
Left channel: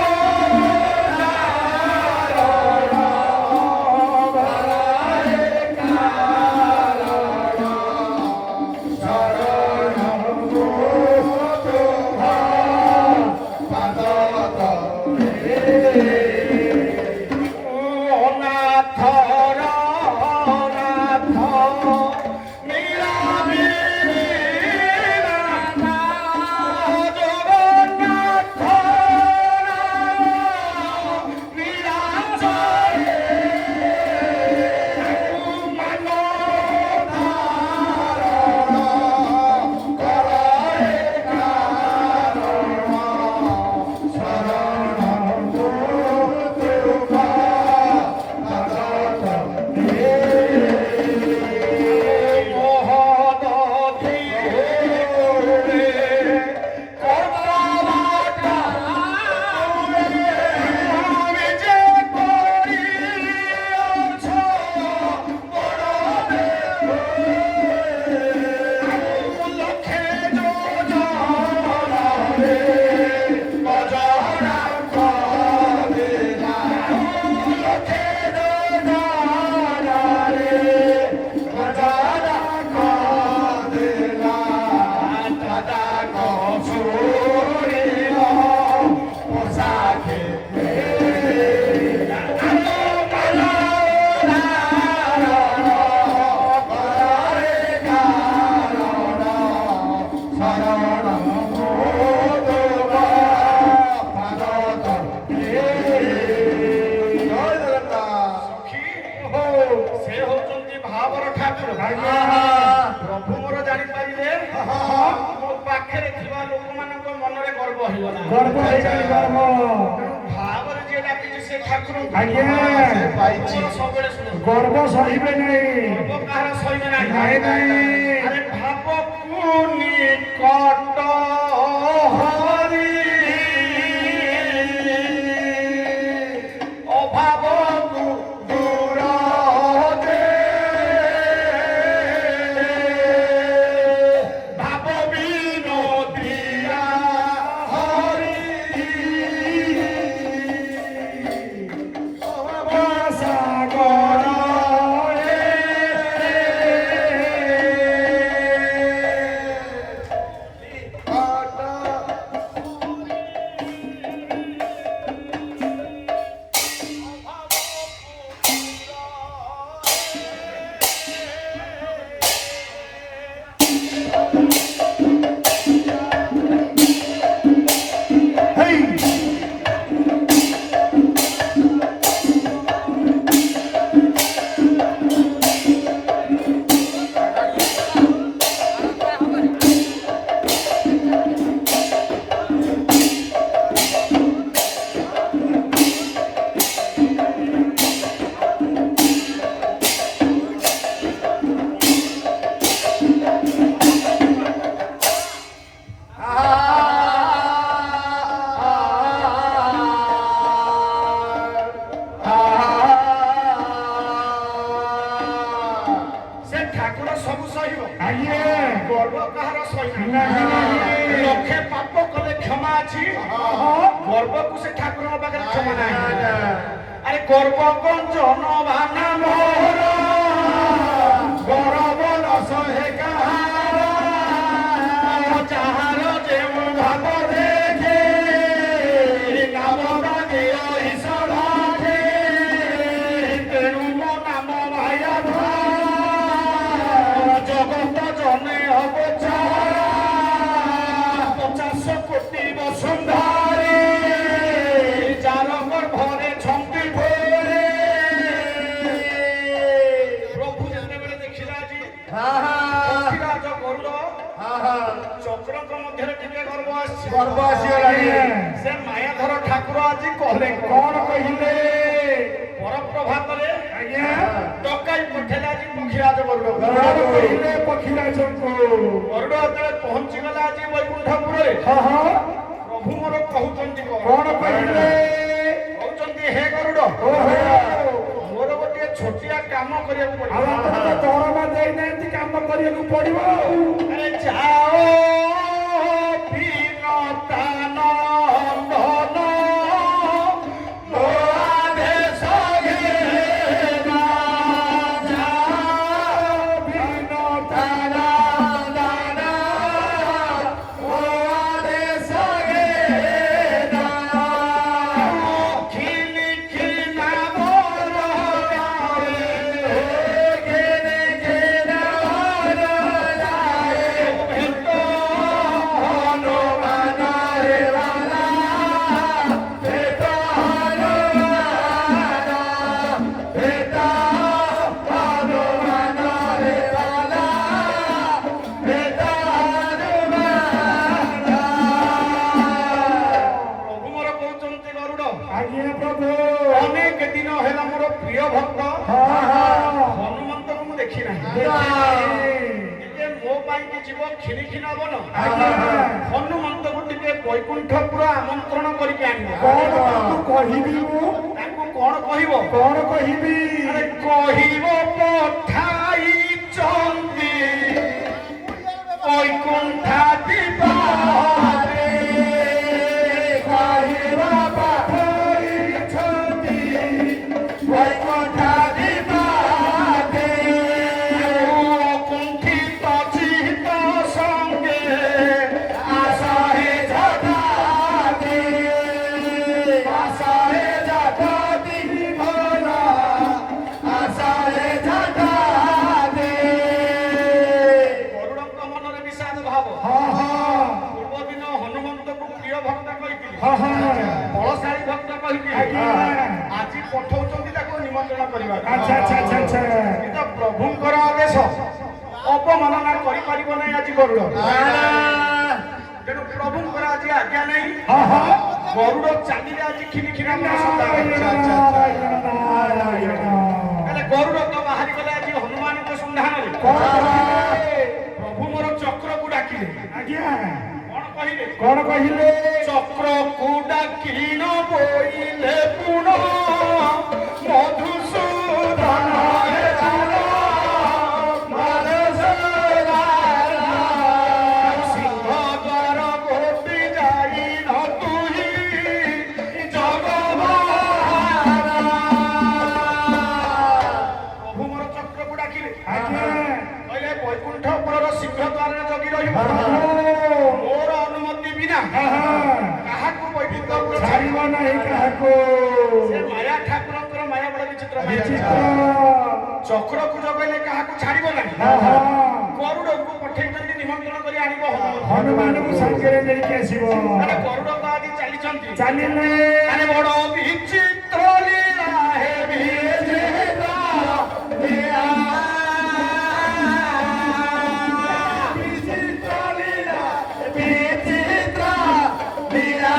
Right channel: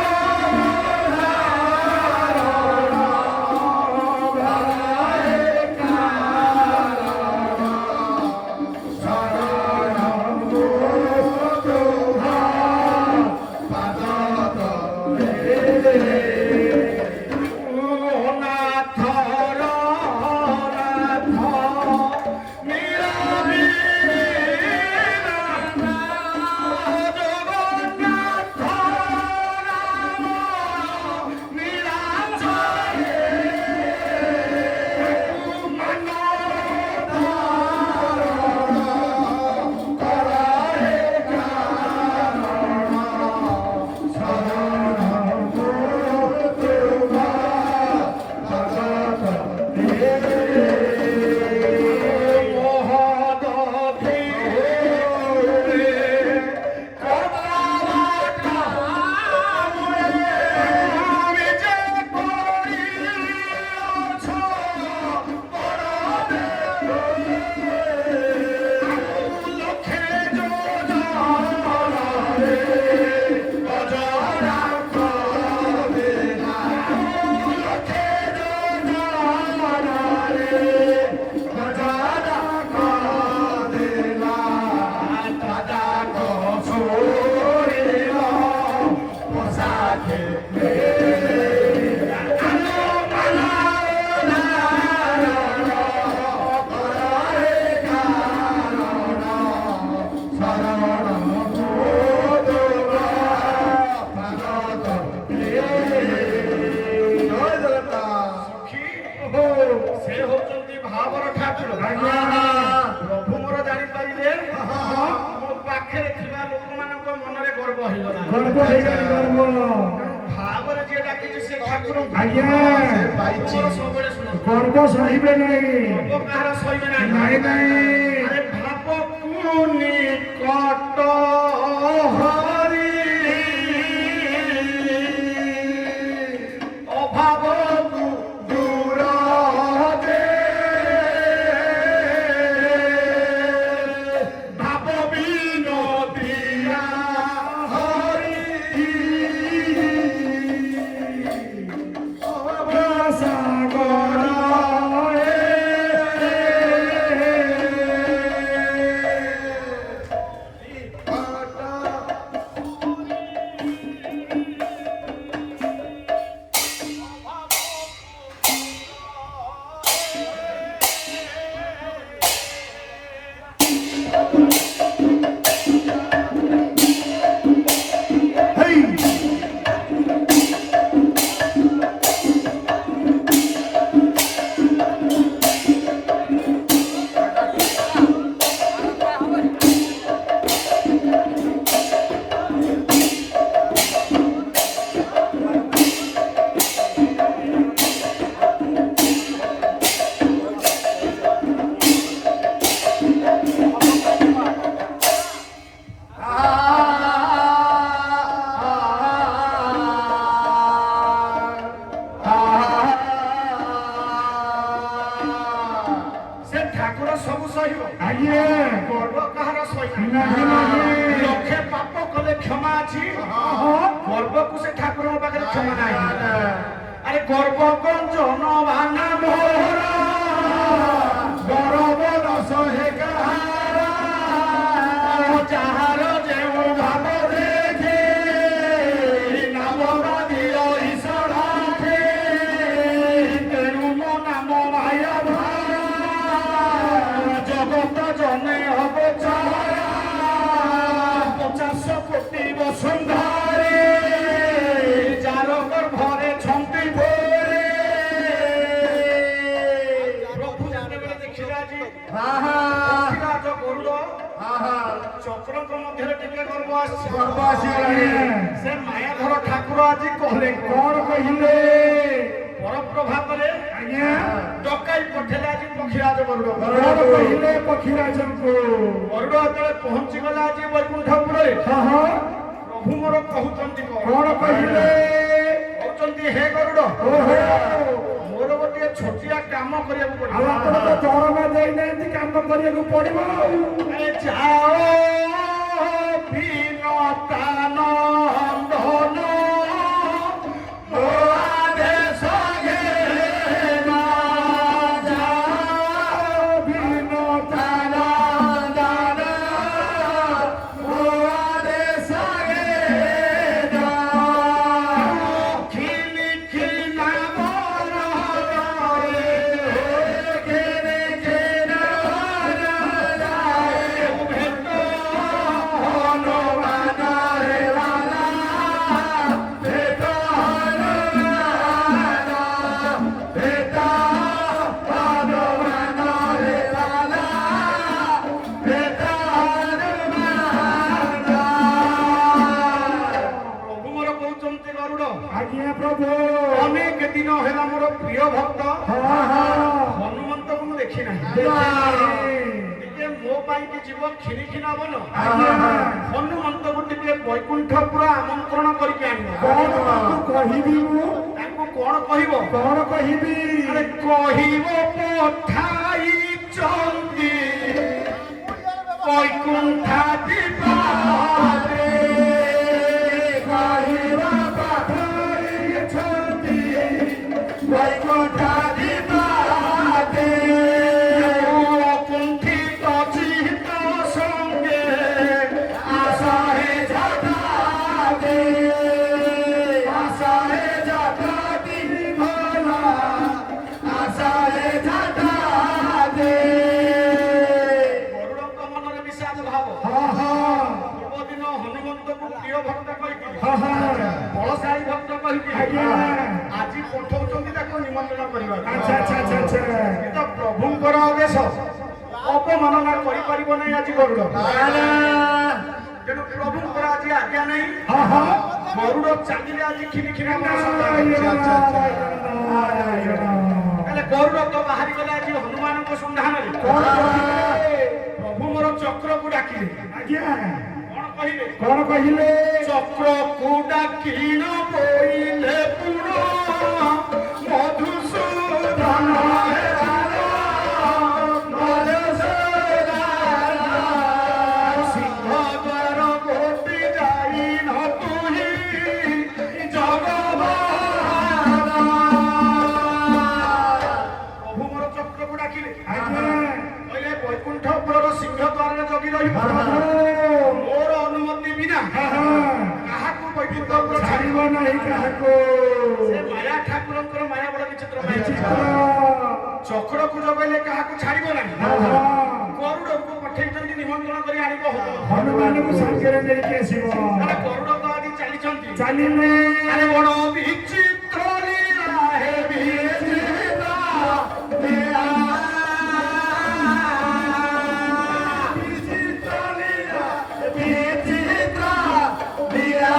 ଗର୍ବ ହେଇଗଲା ଗର୍ବ ହେଇଗଲି ଗର୍ବ ଭାବରେ ଯିଏ ଡାକିଛି ସେ ଠାକୁର ଆଜ୍ଞା ସବୁବେଳେ ଶୁଣ ଗର୍ବ ସହିବେ ନାହିଁ ଗର୍ବ କାହାର ସହିବେ ନାହିଁ ନାଇଁ ନାଇଁ ଆରେ ଭାବକୁ ନିକଟ ହରି ଅଭାବକୁ ଦୂର ଦେ ଭାବ ବିନୋଦିଆ ହରି ସାଗର ସେ ଠାକୁର ସବୁ ସହିବ ଆଜ୍ଞା ଗର୍ବ କାହାର ସହିବ ନାହିଁ ନାହିଁ ଲକ୍ଷେ ପାପ କଲେ କ୍ଷମା ଅଛି ଗର୍ବକୁ ସେ ଠାକୁରଙ୍କ ପାଖରେ କ୍ଷମା ନାହିଁ ଆରେ ଗର୍ବ ଗଞ୍ଜନ ଭାନା ମୋହର ଗରବ ରସ ହେ କାହାର ଯାହାର ଯେଉଁ ଭାବ ଦେଖେ ନାମ ବାଦିର ଈଶ୍ୱର ତେଣୁ ମୋ ନାମ ମାୟା ଜଗତ ଜନେ ହବ 50 କୋଟି ବସୁନ୍ଧାରେ ଯାର ଗର୍ଭରେ ଛନ୍ତି ଭୋରେ ପ୍ରଭୁ ଯେତେବେଳେ ଦେଖିଲେ ଆଜି ପକ୍ଷୀରାଜ ଗରୁଡ଼ ଚକ୍ରଙ୍କ ମଧ୍ୟରେ ଟିକେ ଗର୍ବ ଆସିଛି ଗର୍ବ ଆସିଗଲାଣି ସେ ମାୟାଧର ଠାକୁର ଆଜି କହିଲେ କଣ କହିଲେ ପରପ୍ରଭାତରେ ଆଜ୍ଞା ଡକାଇ ପଠେଇଲେ ଆଜି ପକ୍ଷୀରାଜ ଗରୁଡ଼ କଣ କହିଲେ ପକ୍ଷୀରାଜଙ୍କୁ ଗରୁଡ଼ ଯେତେବେଳେ ପହଞ୍ଚିଗଲା ଆଜି ବୈକୁଣ୍ଠପୁରରେ ହଁ ପ୍ରଭୁ ମୋର କହୁଛନ୍ତି କଣ କହିଲେ କହୁଛନ୍ତି ହେ ଗରୁଡ଼ ଓହୋ ମୋର ଗୋଟିଏ ଛୋଟିଆ କାମ କରିବାକୁ ଆଉ ପଡ଼ିବ ଆପଣ ତ ଦରମା ଦେଇନାହାନ୍ତି କାମ କରିବାକୁ ପଡିବ ଆଉ ଆରେ ଯାଅ ବିନତାନନ୍ଦନ ମୋ ଆଦେଶ ଘେନା ଯାଅ ବିନତାନନ୍ଦନ ମୋ ଆଦେଶ ଘେନା ଖିଲି ଖିନା ମୋର ଘେନେ ଘେନା ମୋର ଭେଟ ହନୁମାନ ରେ ବାଲା ଭେଟ ହନୁମାନ ଭେଟ ହନୁମାନ ରେ ବାଲା ଭେଟ ହନୁମାନ ପ୍ରଭୁ ମୋର କହୁଛନ୍ତି ଗରୁଡ଼ ଆଜ୍ଞା ପ୍ରଭୁ ଅନେକ ଦିନ ହେଲା ମୋର ପ୍ରିୟ ଭକ୍ତ ହଁ ହନୁମନ୍ତକୁ ମୁଁ ଦେଖି ନାହିଁ ଟିକେ ମୋ ପାଇଁ କି ଯିବ ଖିରି ନବନ ହନୁମନ୍ତକୁ ଟିକେ ବୈକୁଣ୍ଠପୁର ଆମନ୍ତ୍ରଣ କରିକି ଆଣିବ କଣ ତାକୁ କହିବି ମୁଁ ତାଙ୍କୁ କଣ କହିବ କଣ କହିବି ଆରେ କହିବ ପଠାଇଛନ୍ତି ବୈକୁଣ୍ଠା ଦିବାରେ କହିବ ପଠାଇଛନ୍ତି ବୈକୁଣ୍ଠା ଦିବାରେ କୁଣ୍ଠିତ ଚିତ୍ତ ସଙ୍ଗେ ଆସ হে ଜଗତେ ଆସ হে ଜଗତି ଭୋଲା ଆସ হে ଜଗତେ ଗରୁଡ଼ଙ୍କ ମନରେ ବିଷାଦ ଭାବ ପୂର୍ବଦିନ ହନୁମନ୍ତକୁ ପ୍ରିୟ ଭକ୍ତ କହିଥିଲି ବଳଶାଳୀ ଭକ୍ତ କହିଥିଲି ଆଜି ପଠଉଛନ୍ତି ତାକୁ ନିମନ୍ତ୍ରଣ କରିବାକୁ ଆଚ୍ଛା ଆଚ୍ଛା ଆଚ୍ଛା ଆଚ୍ଛା କିନ୍ତୁ ପ୍ରଭୁଙ୍କର ଆଦେଶ ଅପମାନନା କରିପାରିବ ନାହିଁ ଆଜି ଗରୁଡ଼ ତେଣୁ ପ୍ରଭୁଙ୍କର ଆଜି ଆଜ୍ଞା ନାହିଁ ଗରୁଡ଼ ଚାଲିଲେ ଆଜି ଖିଲି ଖିଲି ନାରାୟଣ ନାରାୟଣ। ହେଲେ ଗରୁଡ଼ ତ ବାହାରି ଗଲେ ଆଜି ହନୁମାନଙ୍କ ସନ୍ଧାନରେ। କଣ କହିଲେ? ପ୍ରଭୁ ମୋର ଚକ୍ରକୁ ଡାକିଲେ। ଆଜ୍ଞା କଣ କହିଲେ? କଣ କହିଲେ? ଚକ୍ରକୁ ଡାକିଣ ବୋଇଲେ ପୁଣ ମଧୁସୂଦନ ହେ ରାମ, ମଧୁସୂଦନ। ସିଂହଦ୍ୱାର ଗୋପି ଯାଇନ ତୁହି ଜଗବାନ। ପ୍ରଭୁ ମୋର ଚକ୍ରକୁ ଡାକିଲେ। ଆଜ୍ଞା କହିଲେ ବୈକୁଣ୍ଠପୁରର ସିଂହଦ୍ୱାରରେ ଜଗି ରହିବ। ମୋର ଅନୁମତି ବିନା କାହାକୁ ବୈକୁଣ୍ଠପୁର ଛାଡ଼ିବ ନାହିଁ କାହାକୁ। ସେ ମାୟା ଠାକୁରଙ୍କର ମାୟା ବଡ଼ ବିଚିତ୍ର ମାୟା। ବିଚିତ୍ର। ଚକ୍ରକୁ ଜଗେଇଲେ କାହାକୁ ଛାଡ଼ିବ ନାହିଁ। ଗରୁଡ଼କୁ ପଠେଇଛନ୍ତି ନିମନ୍ତ୍ରଣ କରି ଆଣିବ ହନୁମାନଙ୍କୁ ସାଙ୍ଗରେ ନେଇକି ଆସିବ। ଆରେ ଗରୁଡ଼ ତ ଆଜି ଚାଲିଛନ୍ତି। ଚାଲିଲେ ଆରେ ବଡ଼ ବିଚିତ୍ର ଲୀଳା ହେ ବିଚିତ୍ର ଲୀଳା। ବିଚିତ୍ର ଲୀଳା, ବିଚିତ୍ର ଲୀଳା।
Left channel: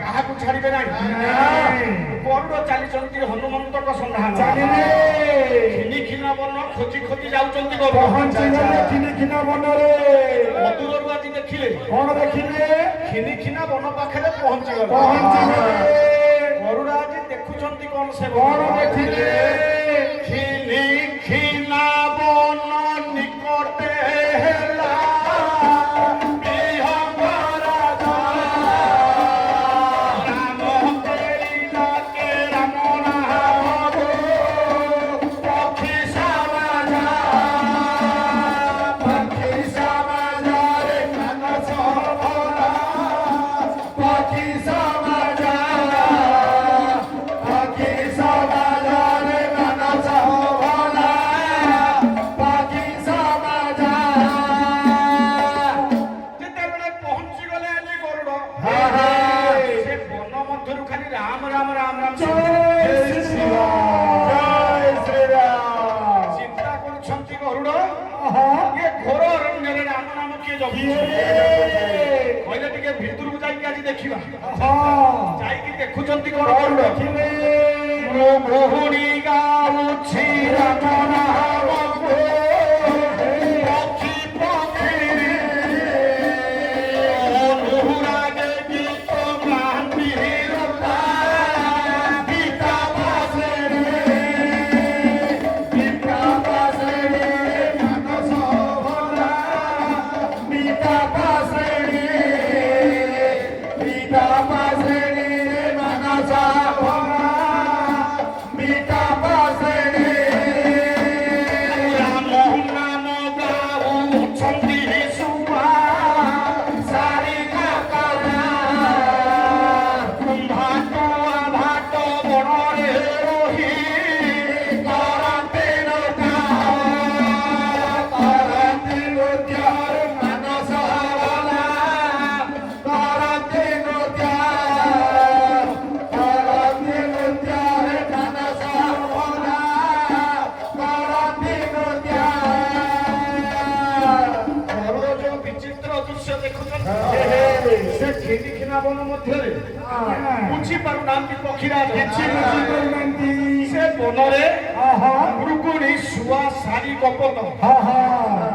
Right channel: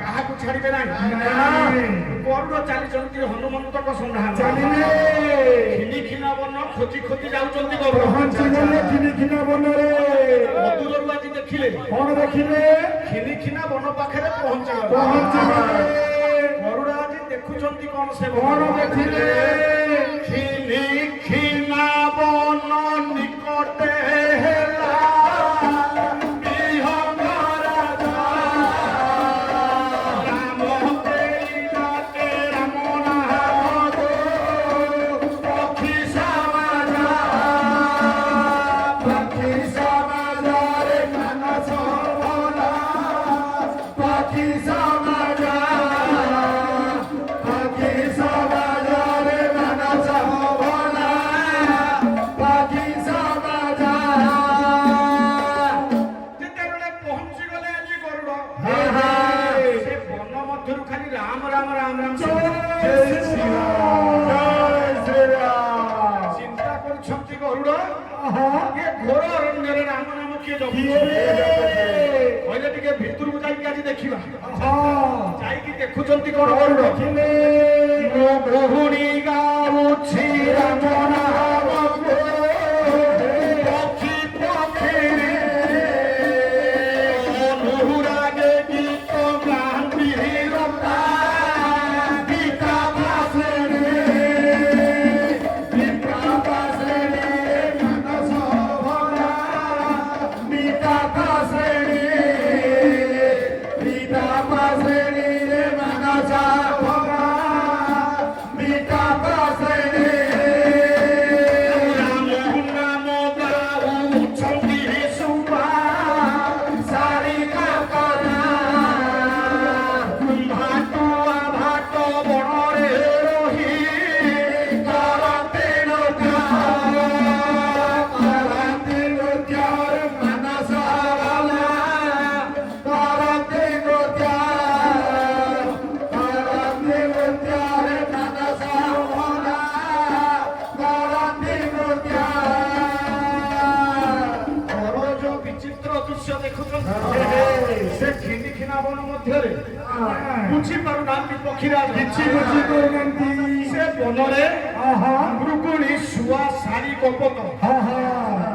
କାହାକୁ ଛାଡ଼ିବେ ନାହିଁ। ଗରୁଡ଼ ଚାଲିଛନ୍ତି ହନୁମନ୍ତଙ୍କ ସନ୍ଧାନ। ଖିନି ଖିନା ବନ ଖୋଜି ଖୋଜି ଯାଉଛନ୍ତି ଗରୁଡ଼। ମଧୁରରୁ ଆଜି ଦେଖିଲେ। କଣ ଦେଖିଲେ? ଖିନି ଖିନା ବନ ପାଖରେ ପହଞ୍ଚିଗଲେ। ଗରୁଡ଼ ଆଜି ଦେଖୁଛନ୍ତି କଣ ସେ କଣ ଦେଖିଲେ? ଖିନି ଖିନା ବନ ନିକଟେ ହେଲା କହିଲେ ଟିକେ ଭିତରକୁ ଯାଇକି ଆଜି ଦେଖିବା। ଯାଇକି ଦେଖୁଛନ୍ତି କଣ ଦେଖିଲେ? ଗୃହିଣୀ ଗାଉଛି ରାମ ନାମ ପକ୍ଷୀ ପକ୍ଷୀ ଅନୁରାଗେ ଗୀତ ଗାନ୍ତି ରୂପା ଗୀତା ପାଶରେ ମଧ୍ୟରେ ବୁଝିପାରୁନାହାନ୍ତି ପକ୍ଷୀରାଜ କିଛି ବୁଝିପାରୁନାହାନ୍ତି। ସେ ବନରେ ଆହା ମୃଗୁଣୀ ଶୁଆ ଶାରୀ କପଟ ଆହା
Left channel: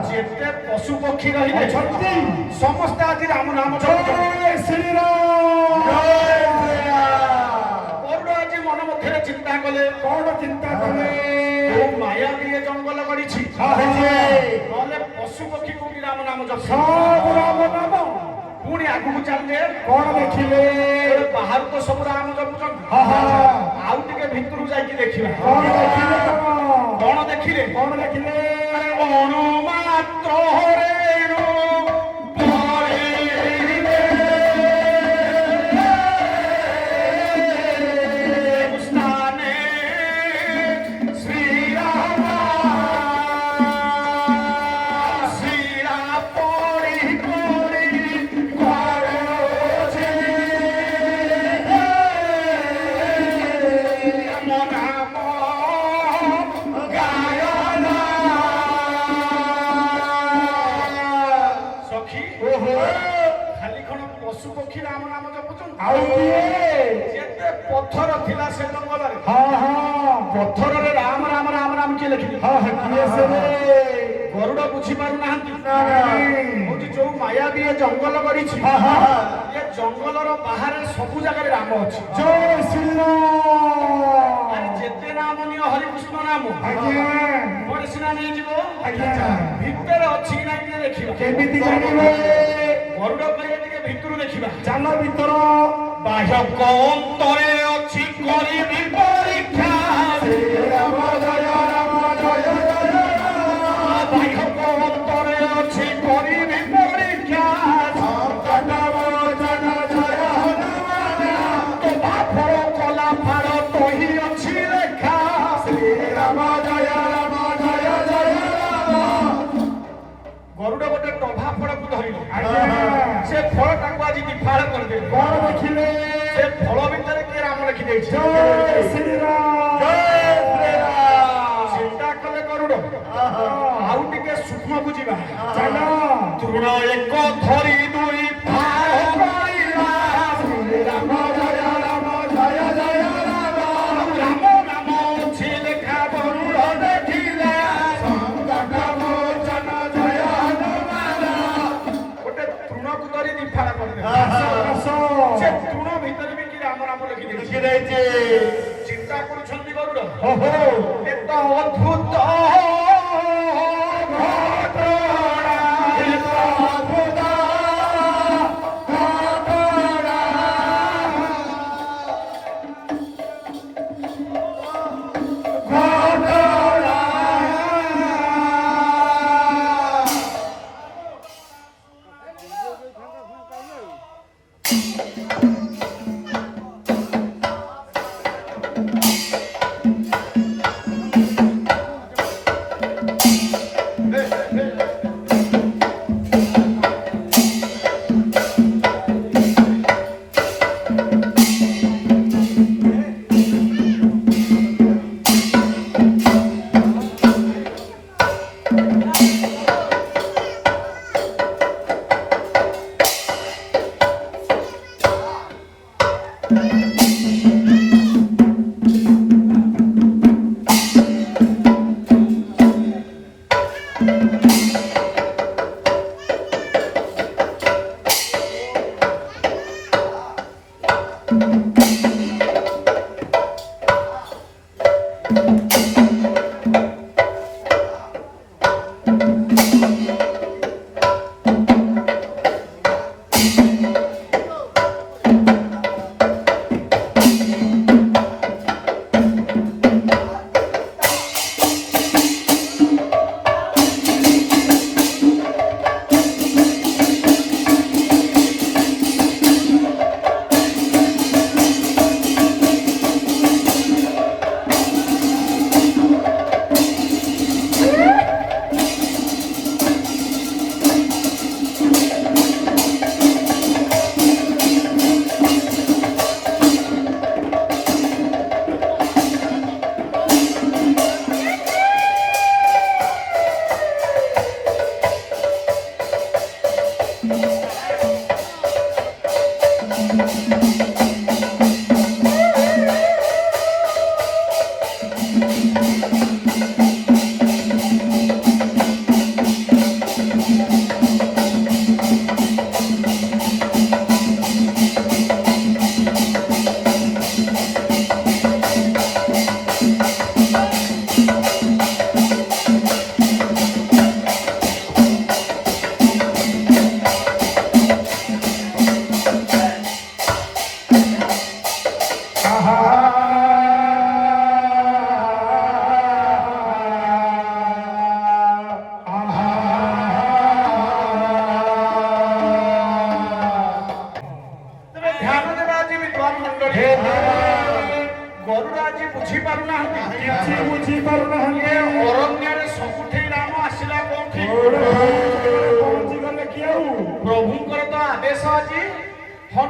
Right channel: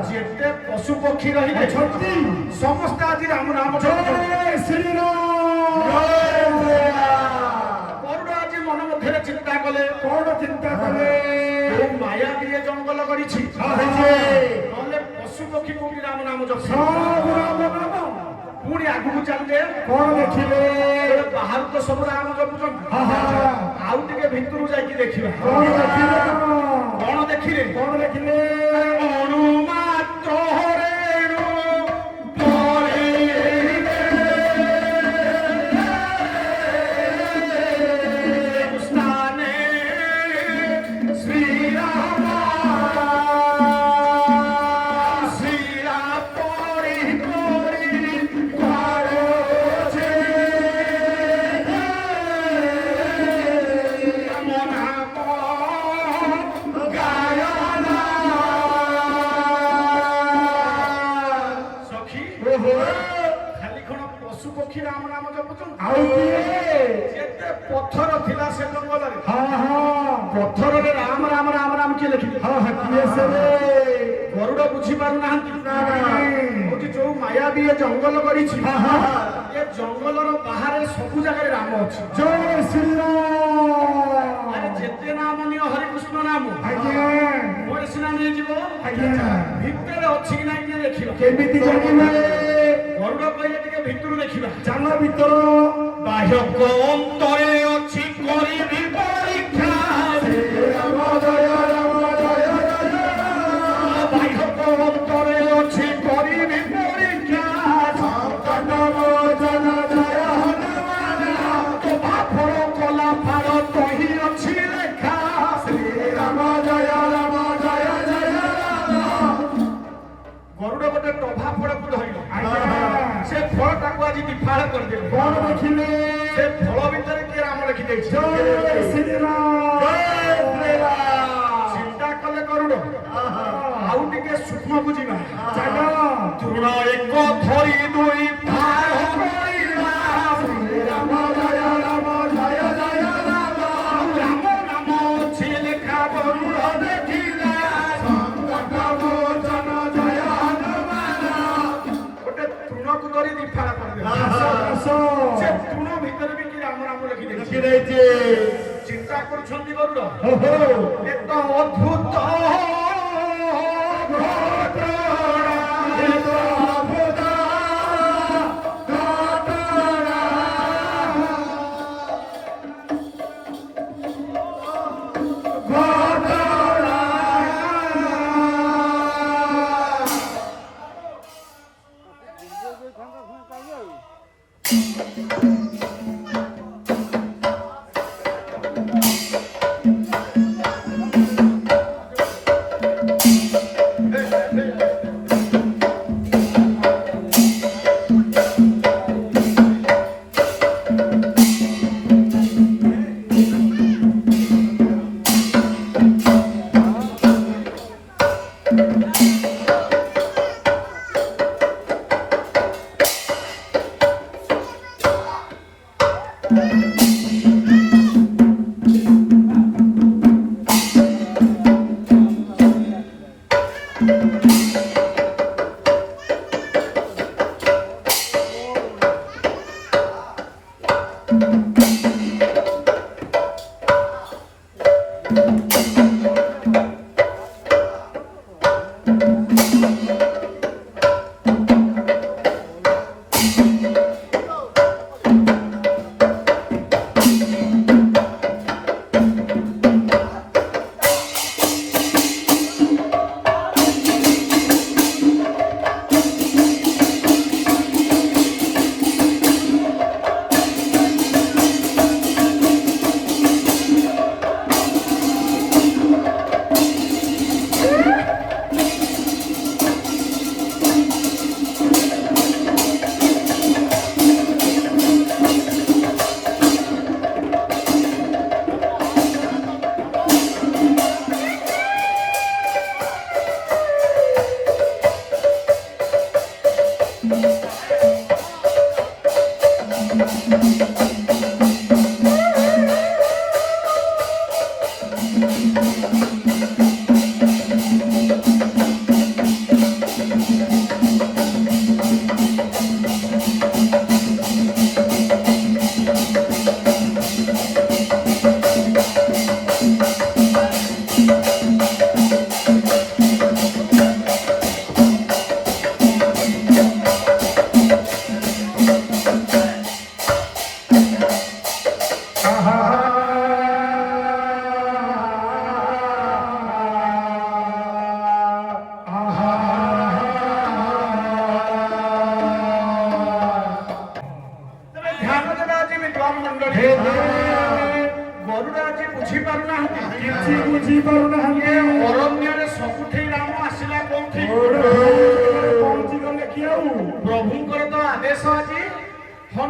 ଯେତେ ପଶୁ ପକ୍ଷୀ ରହିଲେ ଅଛନ୍ତି ସମସ୍ତେ ଆଜି ରାମ ନାମ ଜୟ ଜପିଛନ୍ତି। ଶ୍ରୀରାମ। ଗରୁଡ଼ ଆଜି ମନ ମଧ୍ୟରେ ଚିନ୍ତା କଲେ କଣ ଚିନ୍ତା କଲେ? କୋଉ ମାୟା ଦିଏ ଜଙ୍ଗଲ କରିଛି ଆହା ନହେଲେ ପଶୁ ପକ୍ଷୀ କୋଉଠି ରାମ ନାମ ଜପିଛନ୍ତି। ସବୁ ରାମ ନାମ। ପୁଣି ଆଗକୁ ଚାଲିଲେ କଣ ଦେଖିଲେ? ଗୋଟେ ବାହାରୁ ତ ସବୁ ରାମ ଜପୁଛନ୍ତି ଆହା ଆଉ ଟିକେ ଭିତରକୁ ଯାଇକି ଦେଖିବା କଣ ଦେଖିଲେ? କଣ ଦେଖିଲେ କଣ ଦେଖିଲେ? ଅନୁମାତ୍ର ରେଣୁ ପରିରେ ସ୍ଥାନେ ଶ୍ରୀରାମ ଶିରା ପରି ପରି କରୁଛି ରାମ ନାମ ଗାୟନା। ସଖୀ ଓହୋ ଖାଲି କଣ ପଶୁ ପକ୍ଷୀ ରାମ ନାମ ଜପୁଛନ୍ତି ଆଉ କିଏ? ଯେତେ ପଥର ଥିଲା ସେ ଜଙ୍ଗଲରେ ହଁ ହଁ ପଥରରେ ରାମ ରାମ ରାମ ରାମ କିଏ ଲେଖିଲେ ହଁ ହଁ କିଏ ସେ? ଗରୁଡ଼ ବୁଝି ପାରୁନାହାନ୍ତି ନାଇଁ। କହୁଛି ଯୋଉ ମାୟା ବି ଏ ଜଙ୍ଗଲ କରିଛି ଆହା ଏ ଜଙ୍ଗଲର ବାହାରେ ସବୁ ଜାଗାରେ ରାମ ଅଛି ଜୟ ଶ୍ରୀରାମ। ଆରେ ଯେତେ ନାମ ନିଅ ହରିକୃଷ୍ଣ ନାମ ଆଜ୍ଞା ପରେ ସିନା ନେଇଯିବ ଆଜ୍ଞା ଭିତରେ ଅଛି କି ନାଇଁ ଟିକେ ଦେଖିବା କେମିତି ଜାଣିବେ? ଗରୁଡ଼ କହିଲେ ଟିକେ ଭିତରୁ ଦେଖିବା ଚାଲ ଭିତର। ବାହ୍ୟକ ଅନ୍ତରେ ଅଛି କରିବି ପରୀକ୍ଷା ଶ୍ରୀରାମ ଜୟ ରାମ ଜୟ ଜୟ ରାମ। ବାହ୍ୟକ ଅନ୍ତରେ ଅଛି କରିବି ପରୀକ୍ଷା ସଙ୍କଟ ମୋଚନ ଜୟ ହନୁମାନ। ତୋ ଫଳ କଲା ଫାଳ ତହି ଅଛି ଲେଖା ଶ୍ରୀରାମ ଜୟ ରାମ ଜୟ ଜୟ ରାମ। ଗରୁଡ଼ ଗୋଟେ ଟଭା ଫଳକୁ ଧରିଲେ ଆଜ୍ଞା ସେ ଫଳଟାକୁ ଆଜି ଦିଫାଳ କରିଦେଲେ କଣ ଦେଖିଲେ? ସେ ଫଳ ଭିତରେ କିଏ ରାମ ଲେଖିଦେଇଛି ଜୟ ଶ୍ରୀରାମ। ଚିନ୍ତା କଲେ ଗରୁଡ଼ ଆହା ଆଉ ଟିକେ ସୂକ୍ଷ୍ମକୁ ଯିବା ଚାଲ। ତୃଣ ଏକ ଧରି ଦୁଇ ଫାଳ କରିବା ଶ୍ରୀରାମ ଜୟ ରାମ ଜୟ ଜୟ ରାମ। ରାମ ନାମ ଅଛି ଲେଖା ଗରୁଡ଼ ଦେଖିଲା ସଙ୍କଟ ମୋଚନ ଜୟ ହନୁମାନ। ଗୋଟେ ତୃଣକୁ ଧରି ଦିଫାଳ କରିଦେଲେ ଆହା ସେ ତୃଣ ଭିତରେ ବି କି ରାମ ନାମ ଲେଖିଦେଇଛି ଲେଖିଦେଇଛି। ଚିନ୍ତା କରୁଛନ୍ତି ଗରୁଡ଼ ଓହୋ ଏ ତ ଅଦ୍ଭୁତ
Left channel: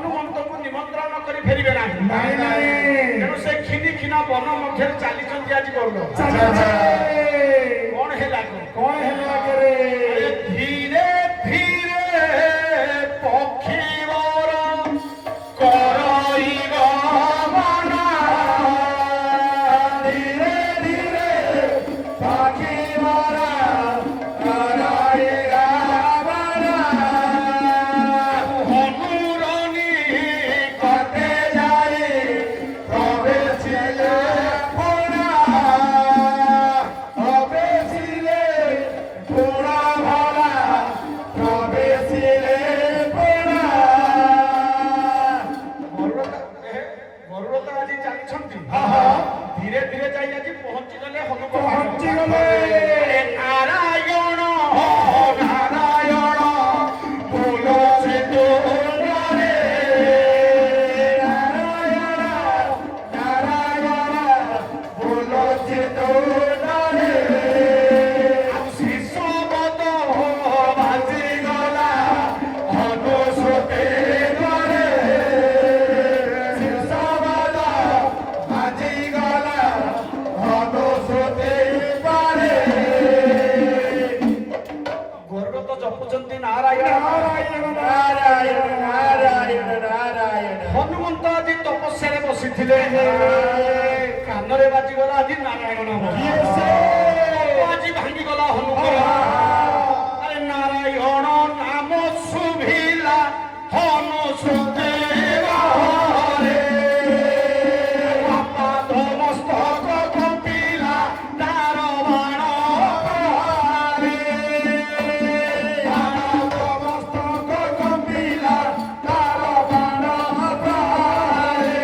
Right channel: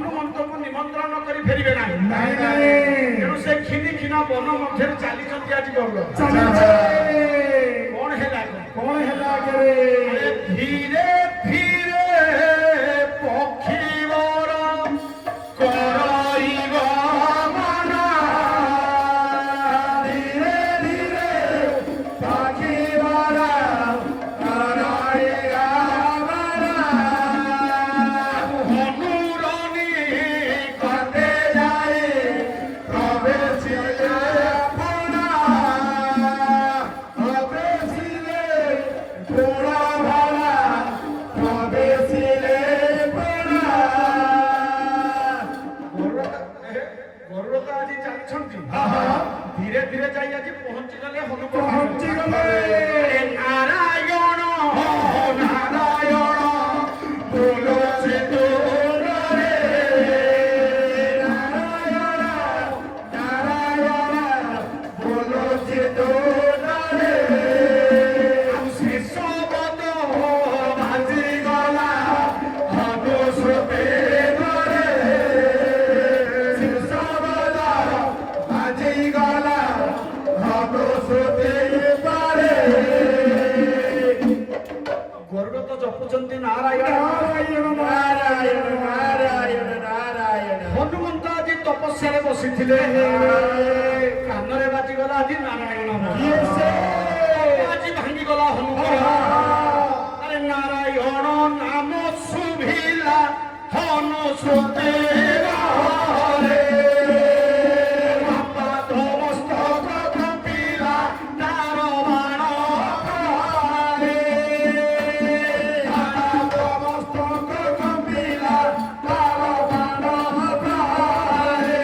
ହନୁମନ୍ତଙ୍କୁ ନିମନ୍ତ୍ରଣ କରି ଫେରିବେ ନାହିଁ। ନାଇଁ ନାଇଁ ତେଣୁ ସେ କ୍ଷୀରି କ୍ଷୀଣା ବନ ମଧ୍ୟରେ ଚାଲିଛନ୍ତି ଆଜି ଗରୁଡ଼। ଚାଲିଛେ କଣ ହେଲା କଣ ହେଲା ଆଗରେ ଧୀରେ ଧୀରେ ପକ୍ଷୀବର କରାଇବ ମନ। ଧୀରେ ଧୀରେ ପାଖିବାର କରାଇରା ହନୁରନି କତେ ଯାଇ ପ୍ରବେଶିଲେ ପୁରା ପ୍ରବେଶିଲେ ପୁରା ଭରା ପ୍ରବେଶିଲେ ପୁରା ଗରୁଡ଼ ତ ଆଜି ଚାଲିଛନ୍ତି। ଧୀରେ ଧୀରେ ଯାଇ ଆଜି ପହଞ୍ଚିଗଲେ ପହଞ୍ଚିଗଲେ ନାରାୟଣ ନାରାୟଣ ତୁଳସୀ ତୋଡ଼ରେ ନାରାୟଣ ନାରାୟଣ ତୁଳସୀ ତୋଡ଼ରେ ଶେଷ ବଦ ବାଜିଗଲା ହନୁସତେ ଘରେ ଶିଷବଦ ବାଜିଗଲା ହନୁସତେ ପାରେ ଗରୁଡ଼ ତ ଜପୁଛନ୍ତି ନାରାୟଣ। ନାରାୟଣ ନାରାୟଣ ନାରାୟଣ ନାରାୟଣ ହନୁମନ୍ତ ଆଜି ତପସ୍ୟାରେ ବସିଥିଲେ। କାନରେ ବାଜିଗଲା ଆଜି ନାରାୟଣ ନାମ। କିଏ ସେ? ଆଜି ଭାଙ୍ଗିଗଲା ହନୁମାନ। ଆରେ ନାରାୟଣ ନାମ ଶୁଭିଲା ହନୁ ଶ୍ରୁତି ରେ। ଆପାଦ ମସ୍ତକ କମ୍ପିଲା ତାର ବାଣ ରେ। ଆପାଦ ମସ୍ତକ କମ୍ପିଲା ତାର ବାଣ ଭାରେ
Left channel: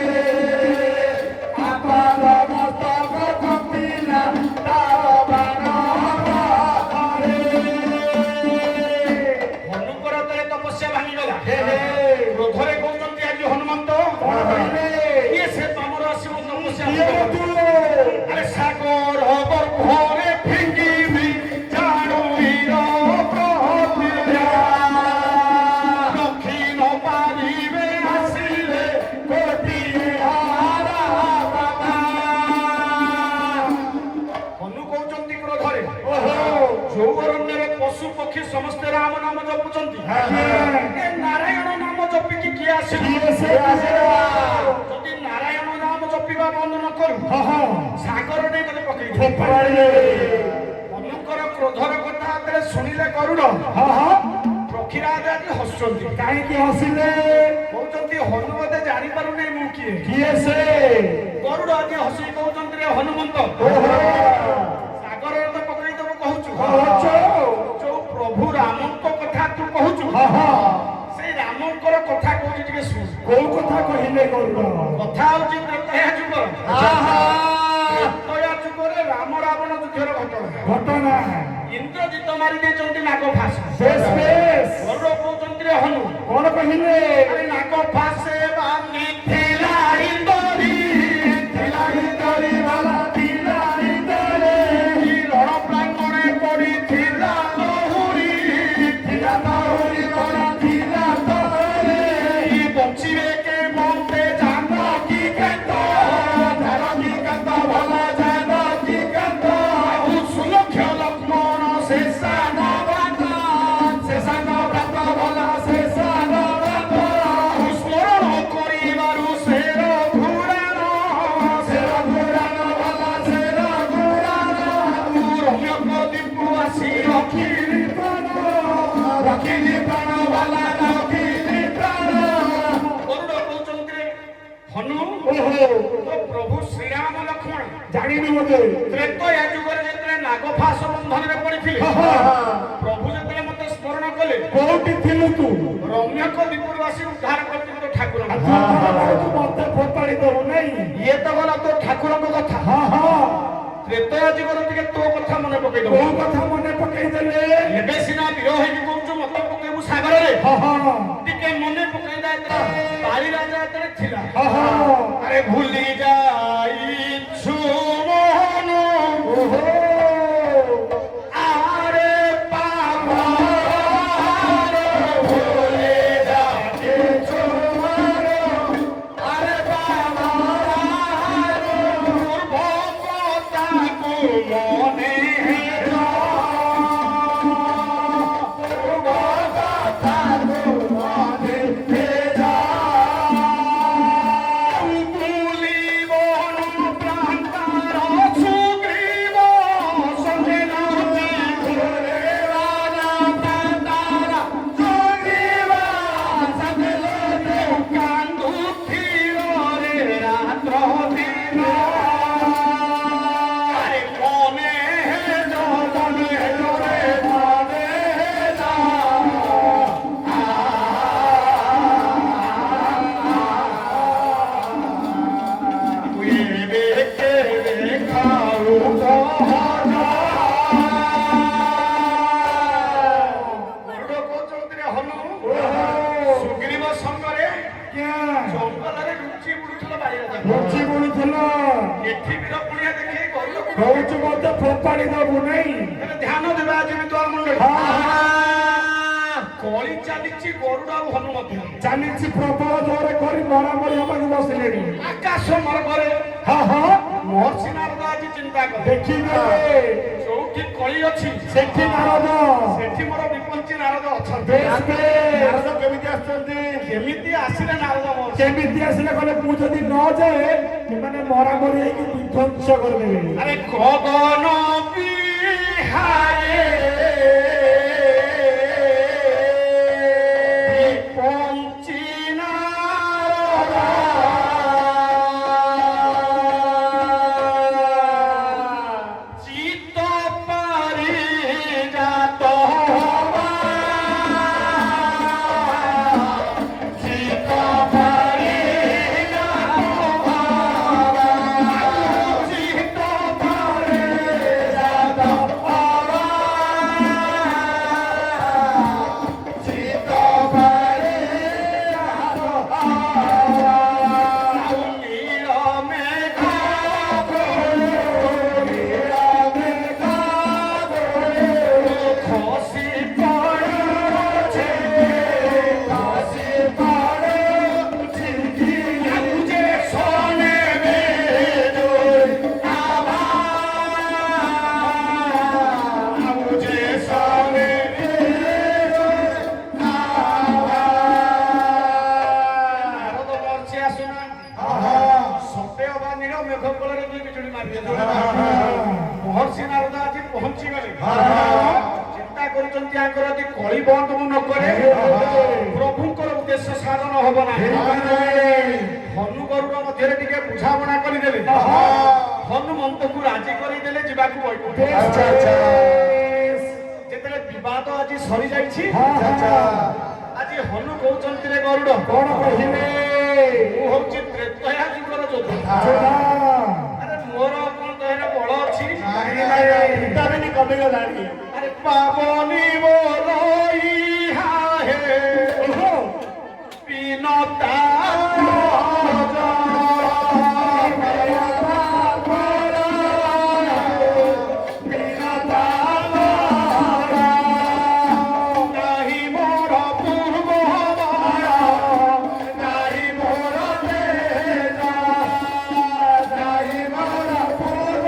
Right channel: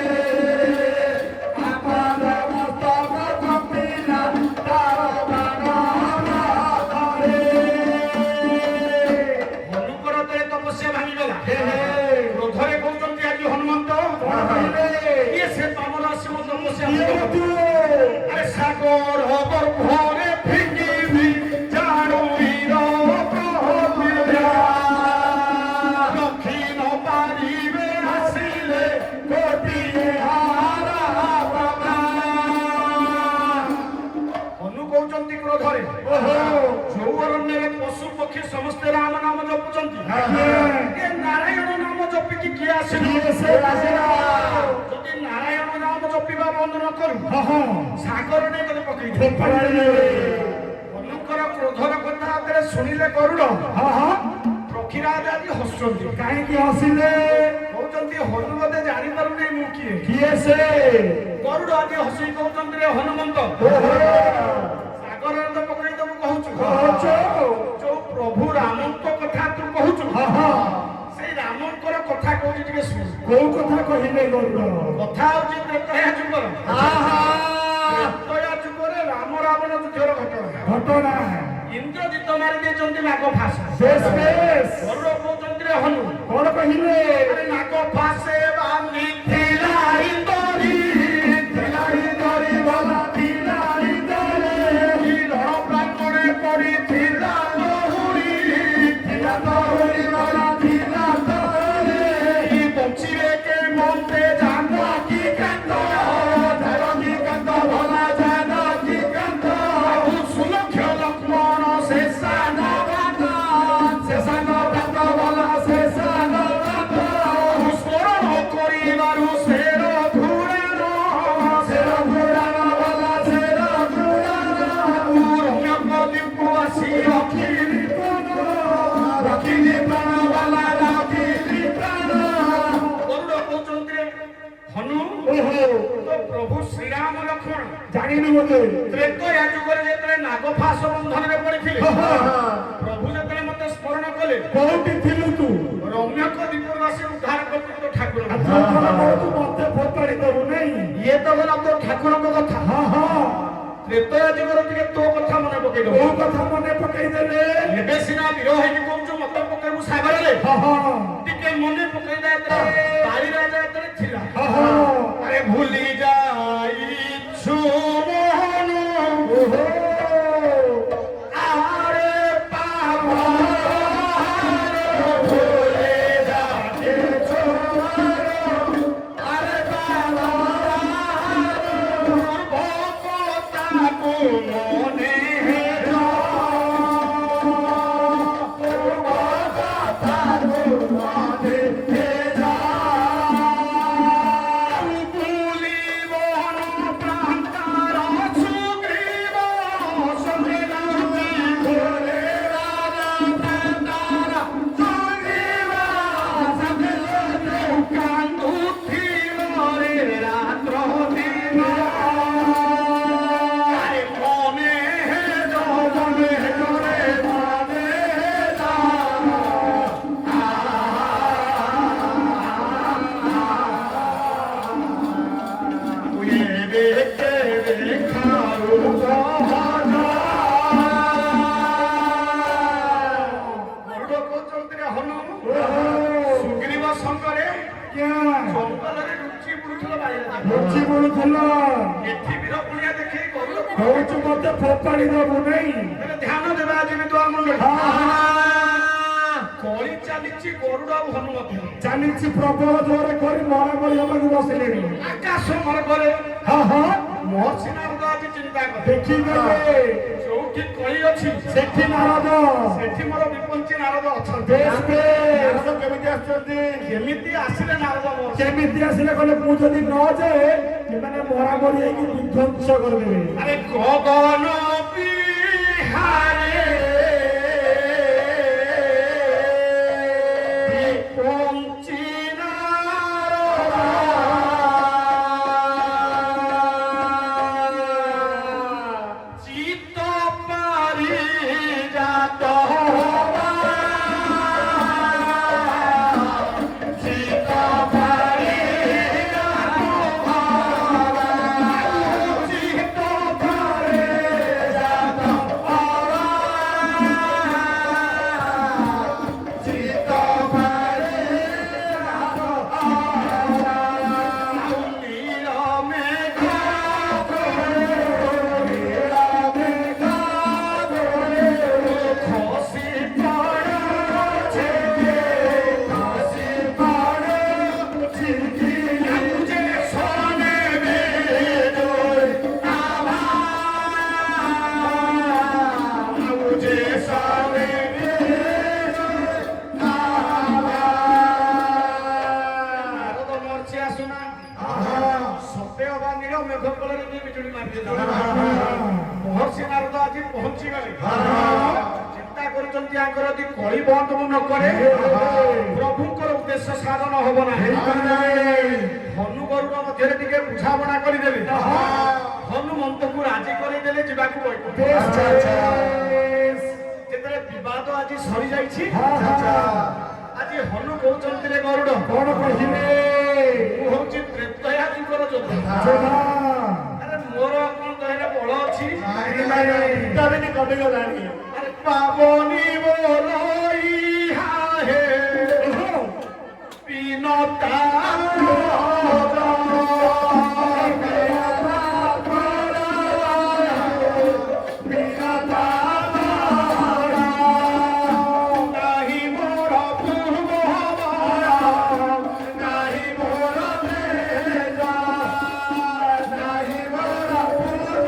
ଆପାଦ ମସ୍ତକ କମ୍ପିଲା ତାର ବାଣ ଭାରେ ହନୁଙ୍କର ତେଳେ ତପସ୍ୟା ଭାଙ୍ଗିଗଲା। କ୍ରୋଧରେ କହୁଛନ୍ତି ଆଜି ହନୁମନ୍ତ କଣ କହିଲେ? ଇଏ ସେ ପାମର ଆସିବ ତପସ୍ୟା କିଏ ଭାଙ୍ଗିବ। ତୁ? ଆରେ ସାଗର ଗର୍ଭରେ ଫିଙ୍ଗିବି ଜାଣୁଇର ପ୍ରହରିଆ। ରଖି ନ ପାରିବେ ଆସିଲେ ଗୋଟିଏ ହାରା ବାବା ହନୁ କହୁଛନ୍ତି କ୍ରୋଧରେ ଓହୋ ଯୋଉ ଅରଣ୍ୟରେ ପଶୁ ପକ୍ଷୀ ସମସ୍ତେ ରାମ ନାମ ଜପୁଛନ୍ତି। ଆଜ୍ଞା। ଏ ନାରାୟଣ ନାମ ଜପିକି କିଏ ଆସିବ? କିଏ ସେ ଆସିବ? ଯଦି ନାରାୟଣ ନାମ ଜପିବା ବନ୍ଦ ନ କରୁ ସାଗର ନେଇ ଗଲେ ପକେଇ ଫୋପାଡ଼ିଲେ ହନୁଙ୍କର କ୍ରୋଧର କଥା ଯେତେବେଳେ ଶୁଣିଲେ ଗରୁଡ଼ ପକ୍ଷୀରାଜ ଆଜି ହସୁଛନ୍ତି। କାହିଁକି ହସିଲେ? କହୁଛନ୍ତି ହନୁ ବୋଧେ ଜାଣିପାରୁନି ମୁଁ କିଏ। କିଏ ସେ? ଗରୁଡ଼ ଆଜି ହସି କହୁଛନ୍ତି ରେ ହନୁମନ୍ତ ସାଗରରେ ତ ପକେଇ ଦବୁ କହୁଛୁ। କହୁଛୁ? ଯୋଉ ପ୍ରଭୁ ରାମଙ୍କ କଥା ତୁ କହୁଛୁ ସେଇ ରାମଙ୍କର କଥା କହୁଛି ଟିକେ ଶୁଣ। କୋଉ କଥା କହିଲେ ଗରୁଡ଼? କଥା ହଉଛି ତ୍ରେତୟା ଯୁଗର। ତ୍ରେତୟା ଯୁଗରେ ରାମ ରାବଣ ଯୁଦ୍ଧର ଘଟଣା। ଘଟଣା ଇନ୍ଦ୍ରଜିତ ମାରି ଦେଇଛନ୍ତି ନାଗ ଫାସ। ବେଶ ବେଶ ଗରୁଡ଼ କହୁଛନ୍ତି ରେ ହନୁ କଣ କହିଲେ? ଆରେ ନାଗ ଫାସେ ବାନି ଥିଲା ଇନ୍ଦରୀ ଥିଲା ଇନ୍ଦରୀ ବାଲା ଥିଲା ଇନ୍ଦରୀ ରଣ ପ୍ରାଙ୍ଗଣେ ପଡ଼ିଥିଲା ଲହୁରୀ ଥିଲା ତୋରି ବାଲା ଥିଲା ତୋରି ବଞ୍ଚିବେ କେ ମନ୍ତେ ଜାନ କି କାନ୍ତ ଜାନ କି କାନ୍ତ ଭଲ ଜାନ କି କାନ୍ତ ସୁଲକ୍ଷ ଲକ୍ଷ୍ମଣ ଶେଷା ନବାନ ଶେଷାନ ବାତ ଭଲ ଶେଷାନ ବାତ ସ୍ମରଣ କରିବାରୁ ଶେର ଘୁରାଣ ଶେର ଘୁରାଣ ଭଲ ଶେର ଘୁରାଣ ରମ୍ୟକ ଦୀପୁ ଆସି ରଖିଲି ପ୍ରାଣ ରଖିଲି ପ୍ରାଣ ଭଲ ରଖିଲି ପ୍ରାଣ ଗରୁଡ଼ କହୁଛନ୍ତି ରେ ହନୁ ଓହୋ ତ ପ୍ରଭୁ ଶ୍ରୀରାମ ଲକ୍ଷ୍ମଣ ଜାଣିନି ମୋତେ ତ୍ରେତୟା ଯୁଗରେ ଯେତେବେଳେ ନାଗଫାସ ବନ୍ଧନରେ ପଡ଼ିଥିଲେ ପ୍ରଭୁ ଯେତେବେଳେ ମତେ ସ୍ମରଣ କଲେ କୋଉଠି ଥିଲୁ ତୁ? ରମ୍ୟକ ଦୀପରୁ ଆସି ଉଦ୍ଧାର କରିଥିଲେ ତୋ ଠାକୁର। ତୁ ମତେ ଫୋପାଡ଼ି ଦବୁ ନାଇଁ? ଇଏ ତ ଗଲା ତୋ ଠାକୁରଙ୍କ କଥା। ତ୍ରେତୟା ଯୁଗରେ ଟିକେ ତୋ କଥା ମନେ ପକେଇ ଦବ। କୋଉ କଥା ମନେ ପକେଇଦେଲେ? ଏବେ ସିନା ବିର ହେଇକି କହୁଛୁ ମତେ ପକେଇବୁ ସାଗରରେ। ଟିକେ ମନେ ପକେଇ ଦେ ପାରି ରାଜା ଯେତେବେଳେ ଥିଲା। ଆରେ ଭୁଲି ଯାଇଛୁ ମୋହନ ଆରେ ପାୱାରେ ଭୁଲି ଯାଇଛୁ ଚାଲିଛି ଗରୁଡ଼ ଆଉ ହନୁ ମଧ୍ୟ ଚାଲିଛି ପ୍ରବଳ ଜୋରେ କରି ମରାମରି ହେବାକୁ ବସିଲେଣି। ଆକାଶ ମାର୍ଗରେ ହଁ ହଁ ମହର୍ଷି ନାରଦ ଆଜି ଚିନ୍ତା କଲେ ଦେଖିଦେବେ ଯୋଉଠି କଳି ଅଛି ସେଠି ନାରଦ ସେଠି ମୋର ବିପଞ୍ଚି ନାରଦ ଅଛନ୍ତି। ବେଶ ବେଶ ନାରଦ କେମିତି ଆସୁଛନ୍ତି? କେମିତି ଆସିଲେ ନାରଦ ମହର୍ଷି? କେମିତି ଆସିଲେ କହିଲେ ମୁଁ ଯଦି ନ ଯାଏ ସେମାନେ ମରାମରି ହେଇକି ବିଧ୍ୱଂସ କରିଦେବେ। ଆରେ ଗଗନ ବିହାରେ ବିପଞ୍ଚି ନାରଦ চিত্ত পারিজাত হওয়া চিত্ত পারিজাত হওয়া চিত্ত পারিজাত হওয়া চিত্ত পারিজাত হওয়া নীল মেঘ খসি পড়ছে খসি পড়ছে লাগুছে সোনে বেজোর লাগুছে সোনে বেজোর নারদ মরছি আসুনা সতে অবা নীল মেঘ কোଳରେ ବି ବିଜୁଳି ମାରିଦେଲା। ମହର୍ଷି ନାରଦ ଆଜି ପହଞ୍ଚି ଗଲେ ଚିନ୍ତା କରୁଛନ୍ତି ଆଙ୍କର ଯଦି କଳି ବନ୍ଦ ମୁଁ ନ କରେ ପ୍ରଭୁଙ୍କର ଉଦ୍ଦେଶ୍ୟ ସାଧନ ହବ ନାହିଁ। ହନୁ ଗରୁଡ଼ ମଧ୍ୟରେ ଟିକେ ବୁଝାମଣା କରିଦେଲେ ହନୁମନ୍ତକୁ ରାଜି କରିଦେଲେ ଯିବାକୁ ବୈକୁଣ୍ଠ। ଯେତେବେଳେ ବିବାଦ ଆଜି ସରିଯାଇଛି ଆଜି ହନୁ କହୁଛନ୍ତି ରେ ଗରୁଡ଼ କଣ କହିଲେ? ମୁଁ ହଉଛି ତ୍ରେତୟା ଯୁଗର ଯୋଦ୍ଧା। ଆରେ ମୋର କଣ ଦେହରେ ବଳ ଅଛି? ଭିଟାମିନ କମିଗଲାଣି। ଆରେ ପାବନି ବୋଲଇ ହାହେ ବିନତା ନାହିଁ ମୋର ପୂର୍ବ ନାହିଁ ମୋର ତେଜା ନାହିଁ ମୋର ପୂର୍ବ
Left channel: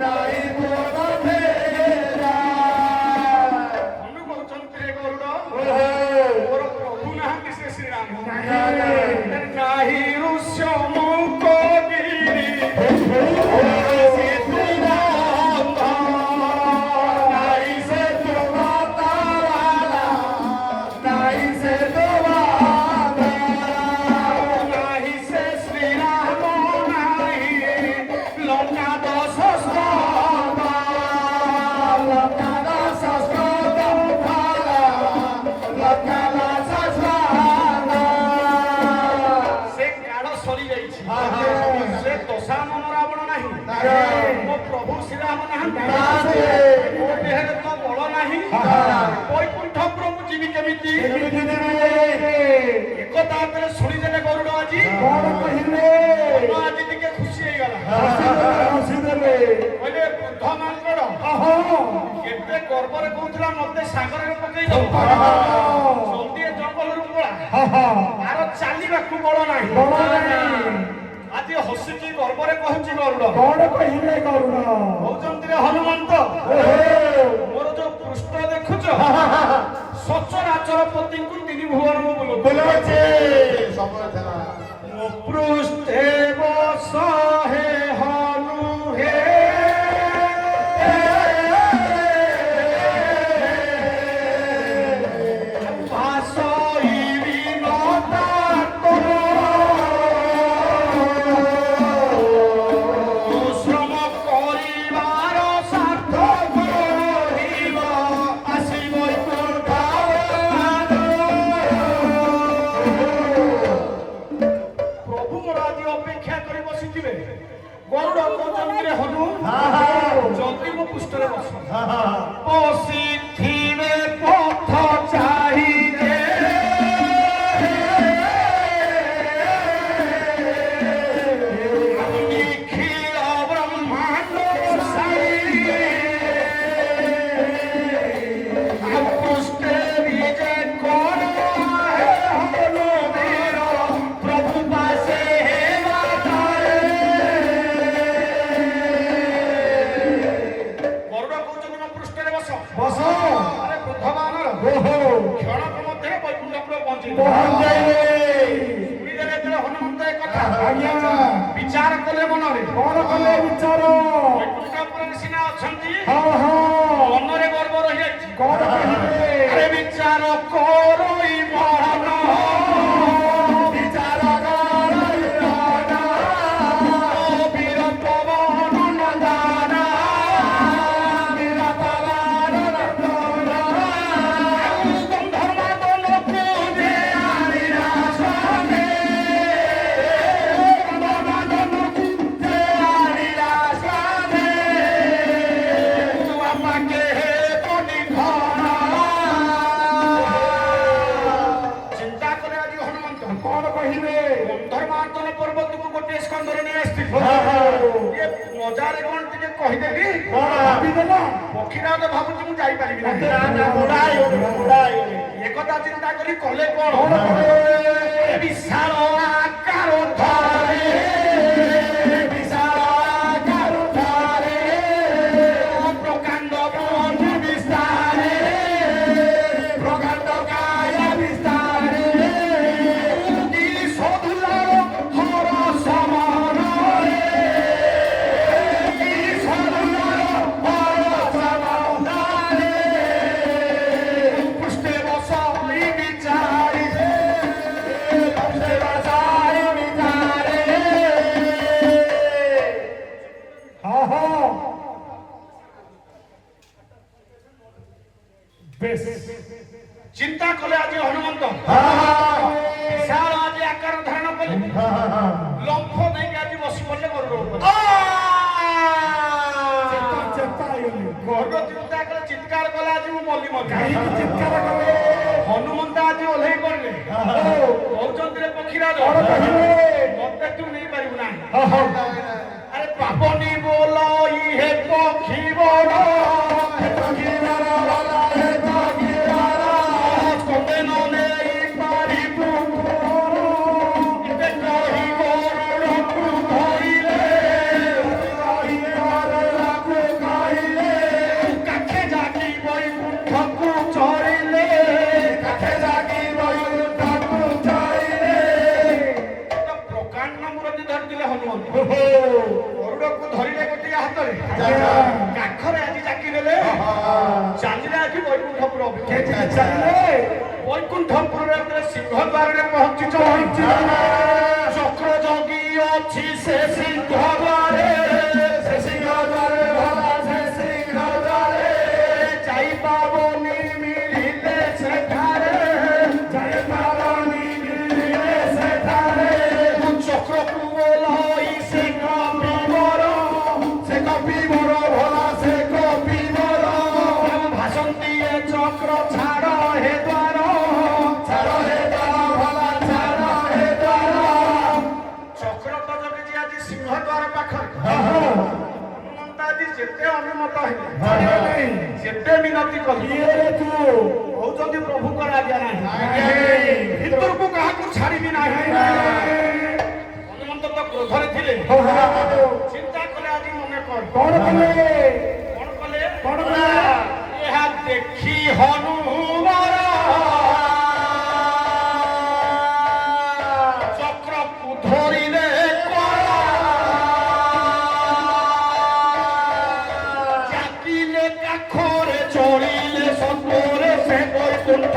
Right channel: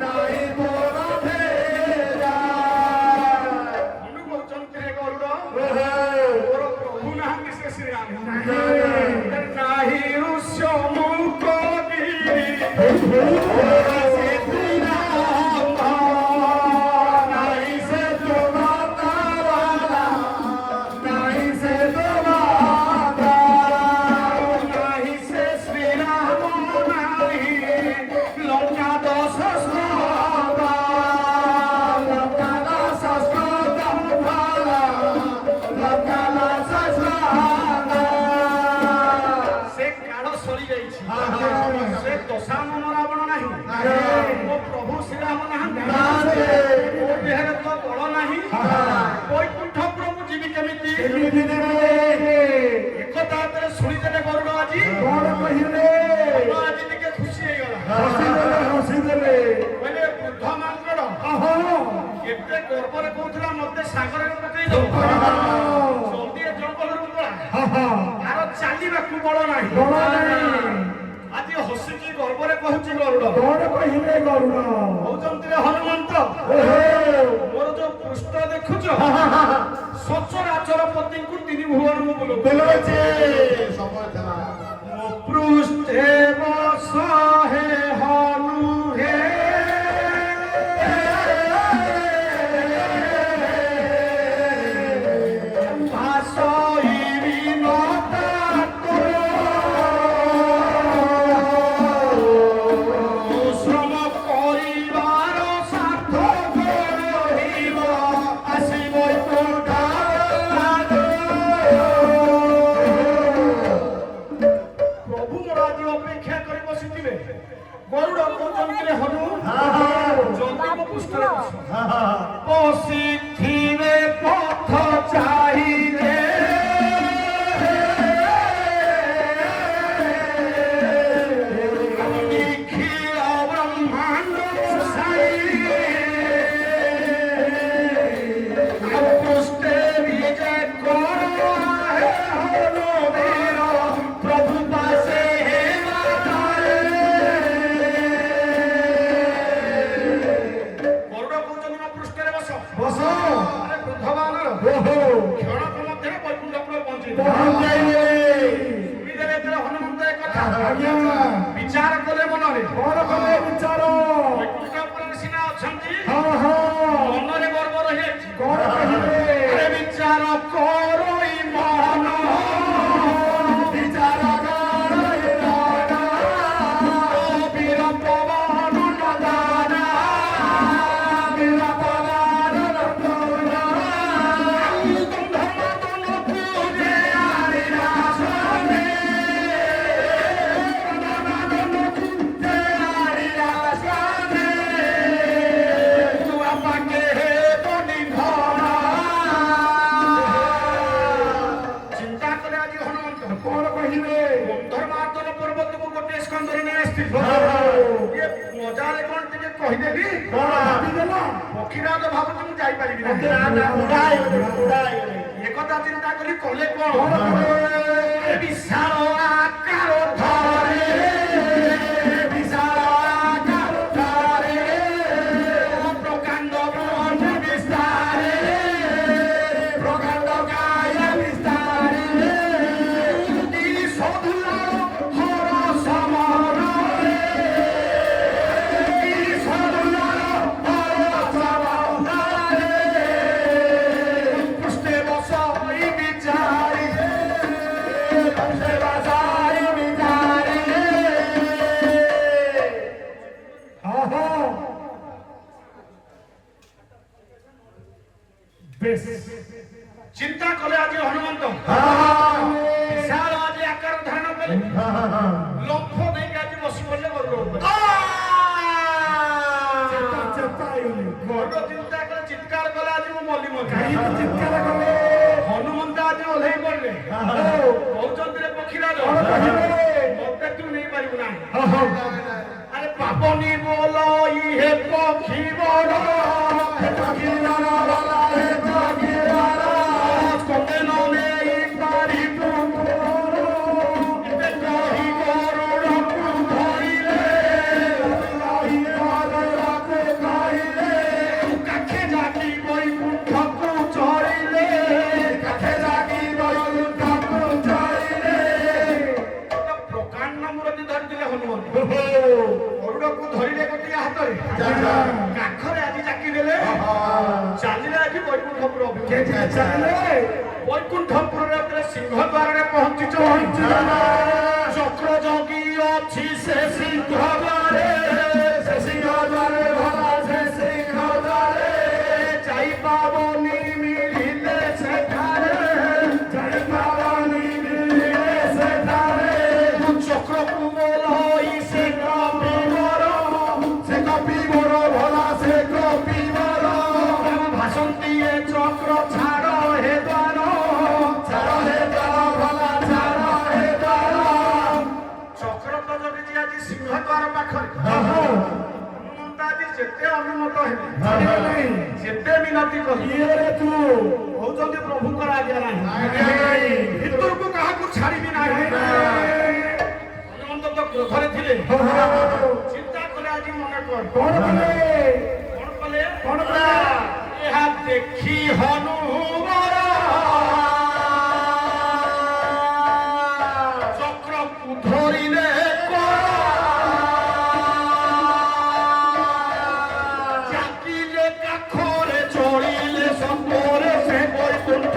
ନାହିଁ ମୋର ତେଜା। ହନୁ କହୁଛନ୍ତି ରେ ଗରୁଡ଼ ମୋର ପ୍ରଭୁ ନାହାନ୍ତି ସେ ଶ୍ରୀରାମ। ନାହିଁ ଋଷ୍ୟ ମୁକ ଗିରି ନାହିଁ ସେ ନାହିଁ ସେ ଶ୍ରୀରାମ ନାହିଁ ଲଙ୍କା ଦଶ ସେ କାଳ ସରିଯାଇଛି। ସେ ଦଶାନନ ରାବଣ ନାହିଁ ମୋ ପ୍ରଭୁ ଶ୍ରୀରାମ ନାହାନ୍ତି ମୋ ଦେହରେ ତ ବଳ ନାହିଁ ବୈକୁଣ୍ଠ ପ୍ରଭୁ ଯିବି କେମିତି? ଏକଥା ଯେତେବେଳେ ଶୁଣିଦେଲେ ଗରୁଡ଼ ଆଜି କଣ କହିଲେ? ହନୁ ଆଜି ଟିକେ ଖୁସି ହେଇଗଲା। କହିଲେ ବୃଦ୍ଧ ମାଙ୍କଡ କେତେ ଗର୍ବରେ କହୁଥିଲା ମତେ ସାଗରରେ ପକେଇ ଦଉ ଜଲ୍ଦି ଏ ଜଙ୍ଗଲରୁ ପଳା ତାର ଚାଲିବାକୁ ବଳ ନାହିଁ। ଆଜି ହସିକି ଗର୍ବରେ କହୁଛି ଗରୁଡ଼ କଣ କହିଲେ ଗରୁଡ଼? କହୁଛନ୍ତି ରେ ହନୁମନ୍ତ ମୋର ଯୋଉ ପୃଷ୍ଠ ଦେଖୁଛ ସଚରାଚର ପତିଙ୍କୁ ତିନି ଭୁବନ ମୁଁ ବୁଲଉଛି। ମୋ ପୃଷ୍ଠେ ବସ ହେ ହନୁ ହେ ଭାସଇବି ନତା ଶ୍ରମ କରିବାର ସାର୍ଥକ ରହିବ ଆସି ବୈକୁଣ୍ଠ। ପ୍ରଭୁ ମୋର ଆଜି ଅପେକ୍ଷା କରି ବସିଥିବେ। ଗରୁଡ଼ କହୁଛନ୍ତି ରେ ହନୁ ଜଲ୍ଦି ମୋ ପୃଷ୍ଠରେ ବସ। ବସିଥିବେ ପଥ ଚାହିଁରେ ନିଖିଳ ବ୍ରହ୍ମାଣ୍ଡ ସାଇ ପୃଷ୍ଠେ ପହଞ୍ଚାଇଲେ ଶୁଣିଦେଲେ ଯେତେବେଳେ ହନୁମନ୍ତ ଏ କଥା ଆଜ୍ଞା ବିଚାର କଲେ ମନରେ କଣ କଲେ ବିଚାର ବୈକୁଣ୍ଠ ଉପରେ ସିନା ଅଛନ୍ତି ହଁ ହଁ ମନରେ ଗର୍ବ ରହିଯାଇଛି କଣ କହିଲେ ଆରେ ବିଚାର କରଇ ମନ ବିଚାର କରଇ ମନ ବୀର ପବନ ନନ୍ଦାନ ବୀର ପବନ ନନ୍ଦନ ଧର୍ମାଦନ ପୂଜେ ଆରିରା ସନେ ଗଣନାଦନ ପୂଜେ ଆରିରା ସନେ ବାପାକେ হে বনি ধরা চিন্তা করে আଜି হনুমন্ত କଣ କହିଲେ ଧର୍ମାଦନ ପର୍ବତକୁ ଗୋଟିଏ ସ୍କନ୍ଧରେ ନେଇ ଆସିଥିଲେ ଇଏ ମଜାରେ କଣ ଟିକେ କହିଦେବି କଣ ଭାବିଦେଲା ପକ୍ଷୀରାଜ ଭାବୁଛି ମୁଁ ଯାଇପାରିବି ମତେ ନାହିଁ ବୁଢାଇ ଏକଥା ଚିନ୍ତା କରି କଲେ କଣ କଣ କଲେ ବିଶାଳ ଆକାର ଧରେ ବିଶାଳ କାରୁଠାରେ ପ୍ରକାଣ୍ଡ ବନ ବିସ୍ତାରେ ପ୍ରକାଣ୍ଡ କାୟ ବିସ୍ତାରେ ସଧୁଲାର ହର ସମରରେ ପୃଷ୍ଠେ ବସଇ ବିଚାରି ଚିନ୍ତା କଲେ ଆଜି ହନୁମନ୍ତ ବିଶାଳ ଆଜି ଆକାର ଧାରଣ କଲେ ଲମ୍ଫ ନେଇକି ଆଜି ବସି ପଡିଲେ ଗରୁଡ଼ ଉପରେ ଗରୁଡ଼ ଚିନ୍ତା କଲେ ଚିତ୍କାର କଲା ଆଜି ମୁଁ ମଲି ମଲି ହନୁମନ୍ତ ଆଜି ଓହ୍ଲେଇ ପଡିଲେ କହୁଛନ୍ତି ରେ ପକ୍ଷୀରାଜ ମତେ ତୁ ନେଇପାରିବୁ ନାହିଁ ଆରେ ପାବନି ବୋଲ ଇହେ ପକ୍ଷୀ ବଡ଼ ସ୍କନ୍ଦେନ ନେଇ ପାରିବୁ ଏବେ କହି ଗରୁଡ଼କୁ ଧରିଲେ କାଖେ ଜାକି ବୈକୁଣ୍ଠକୁ ଚରିଲେ ପ୍ରକାଣ୍ଡ ମୂର୍ତ୍ତି ଧରିଥିଲେ ହନୁମନ୍ତ ଗରୁଡ଼କୁ ଧରିଲେ ଗୋଟିଏ ହାତରେ କାଖରେ ଆଜି ଜାକି ଦେଲେ ଚାଲିଲେ ଆଜି ବୈକୁଣ୍ଠପୁର ଅଭିମୁଖେ ବୈକୁଣ୍ଠପୁରରେ ଯେତେବେଳେ ସିଂହ ଦ୍ୱାରରେ ପହଞ୍ଚିଛ ଚକ୍ର ଜଗି ଅଛି ସେ ସିଂହ ଦ୍ୱାରେ ଯାଇପାବନି ମିଳିଲେ ସେଠାରେ ଚକ୍ରକୁ ଓହ୍ଲାଇ ସେ କପିବର ଭାଷନ୍ତି ଏ ଚକ୍ର ଛାଡ଼ ହେ ଦ୍ୱାର ଚକ୍ର ତ ଜଗିଛି ଆଜି ସିଂହ ଦ୍ୱାର ପାଖରେ ହନୁମନ୍ତ ଆଜି ଯେତେ ଅନୁମତ ହେଲେ ଯେତେ ବିନତି କଲେ କହୁଛନ୍ତି ପ୍ରଭୁଙ୍କର ଆଜ୍ଞା ନାହିଁ ଭିତରକୁ କାହାକୁ ଛାଡ଼ିବି ନାହିଁ ହନୁମନ୍ତ ତ କ୍ରୋଧରେ ଥିଲେ ଚିନ୍ତା କଲେ ଆଜି ମନେ କଣ କଲେ ଏହା ଦେଖି ହନୁମାନ ଚକ୍ରକୁ ଧରିଲେ ଚାକିଲେ କାଖରେ ଚଳିଲେ ସତରେ ସେ ବୈକୁଣ୍ଠ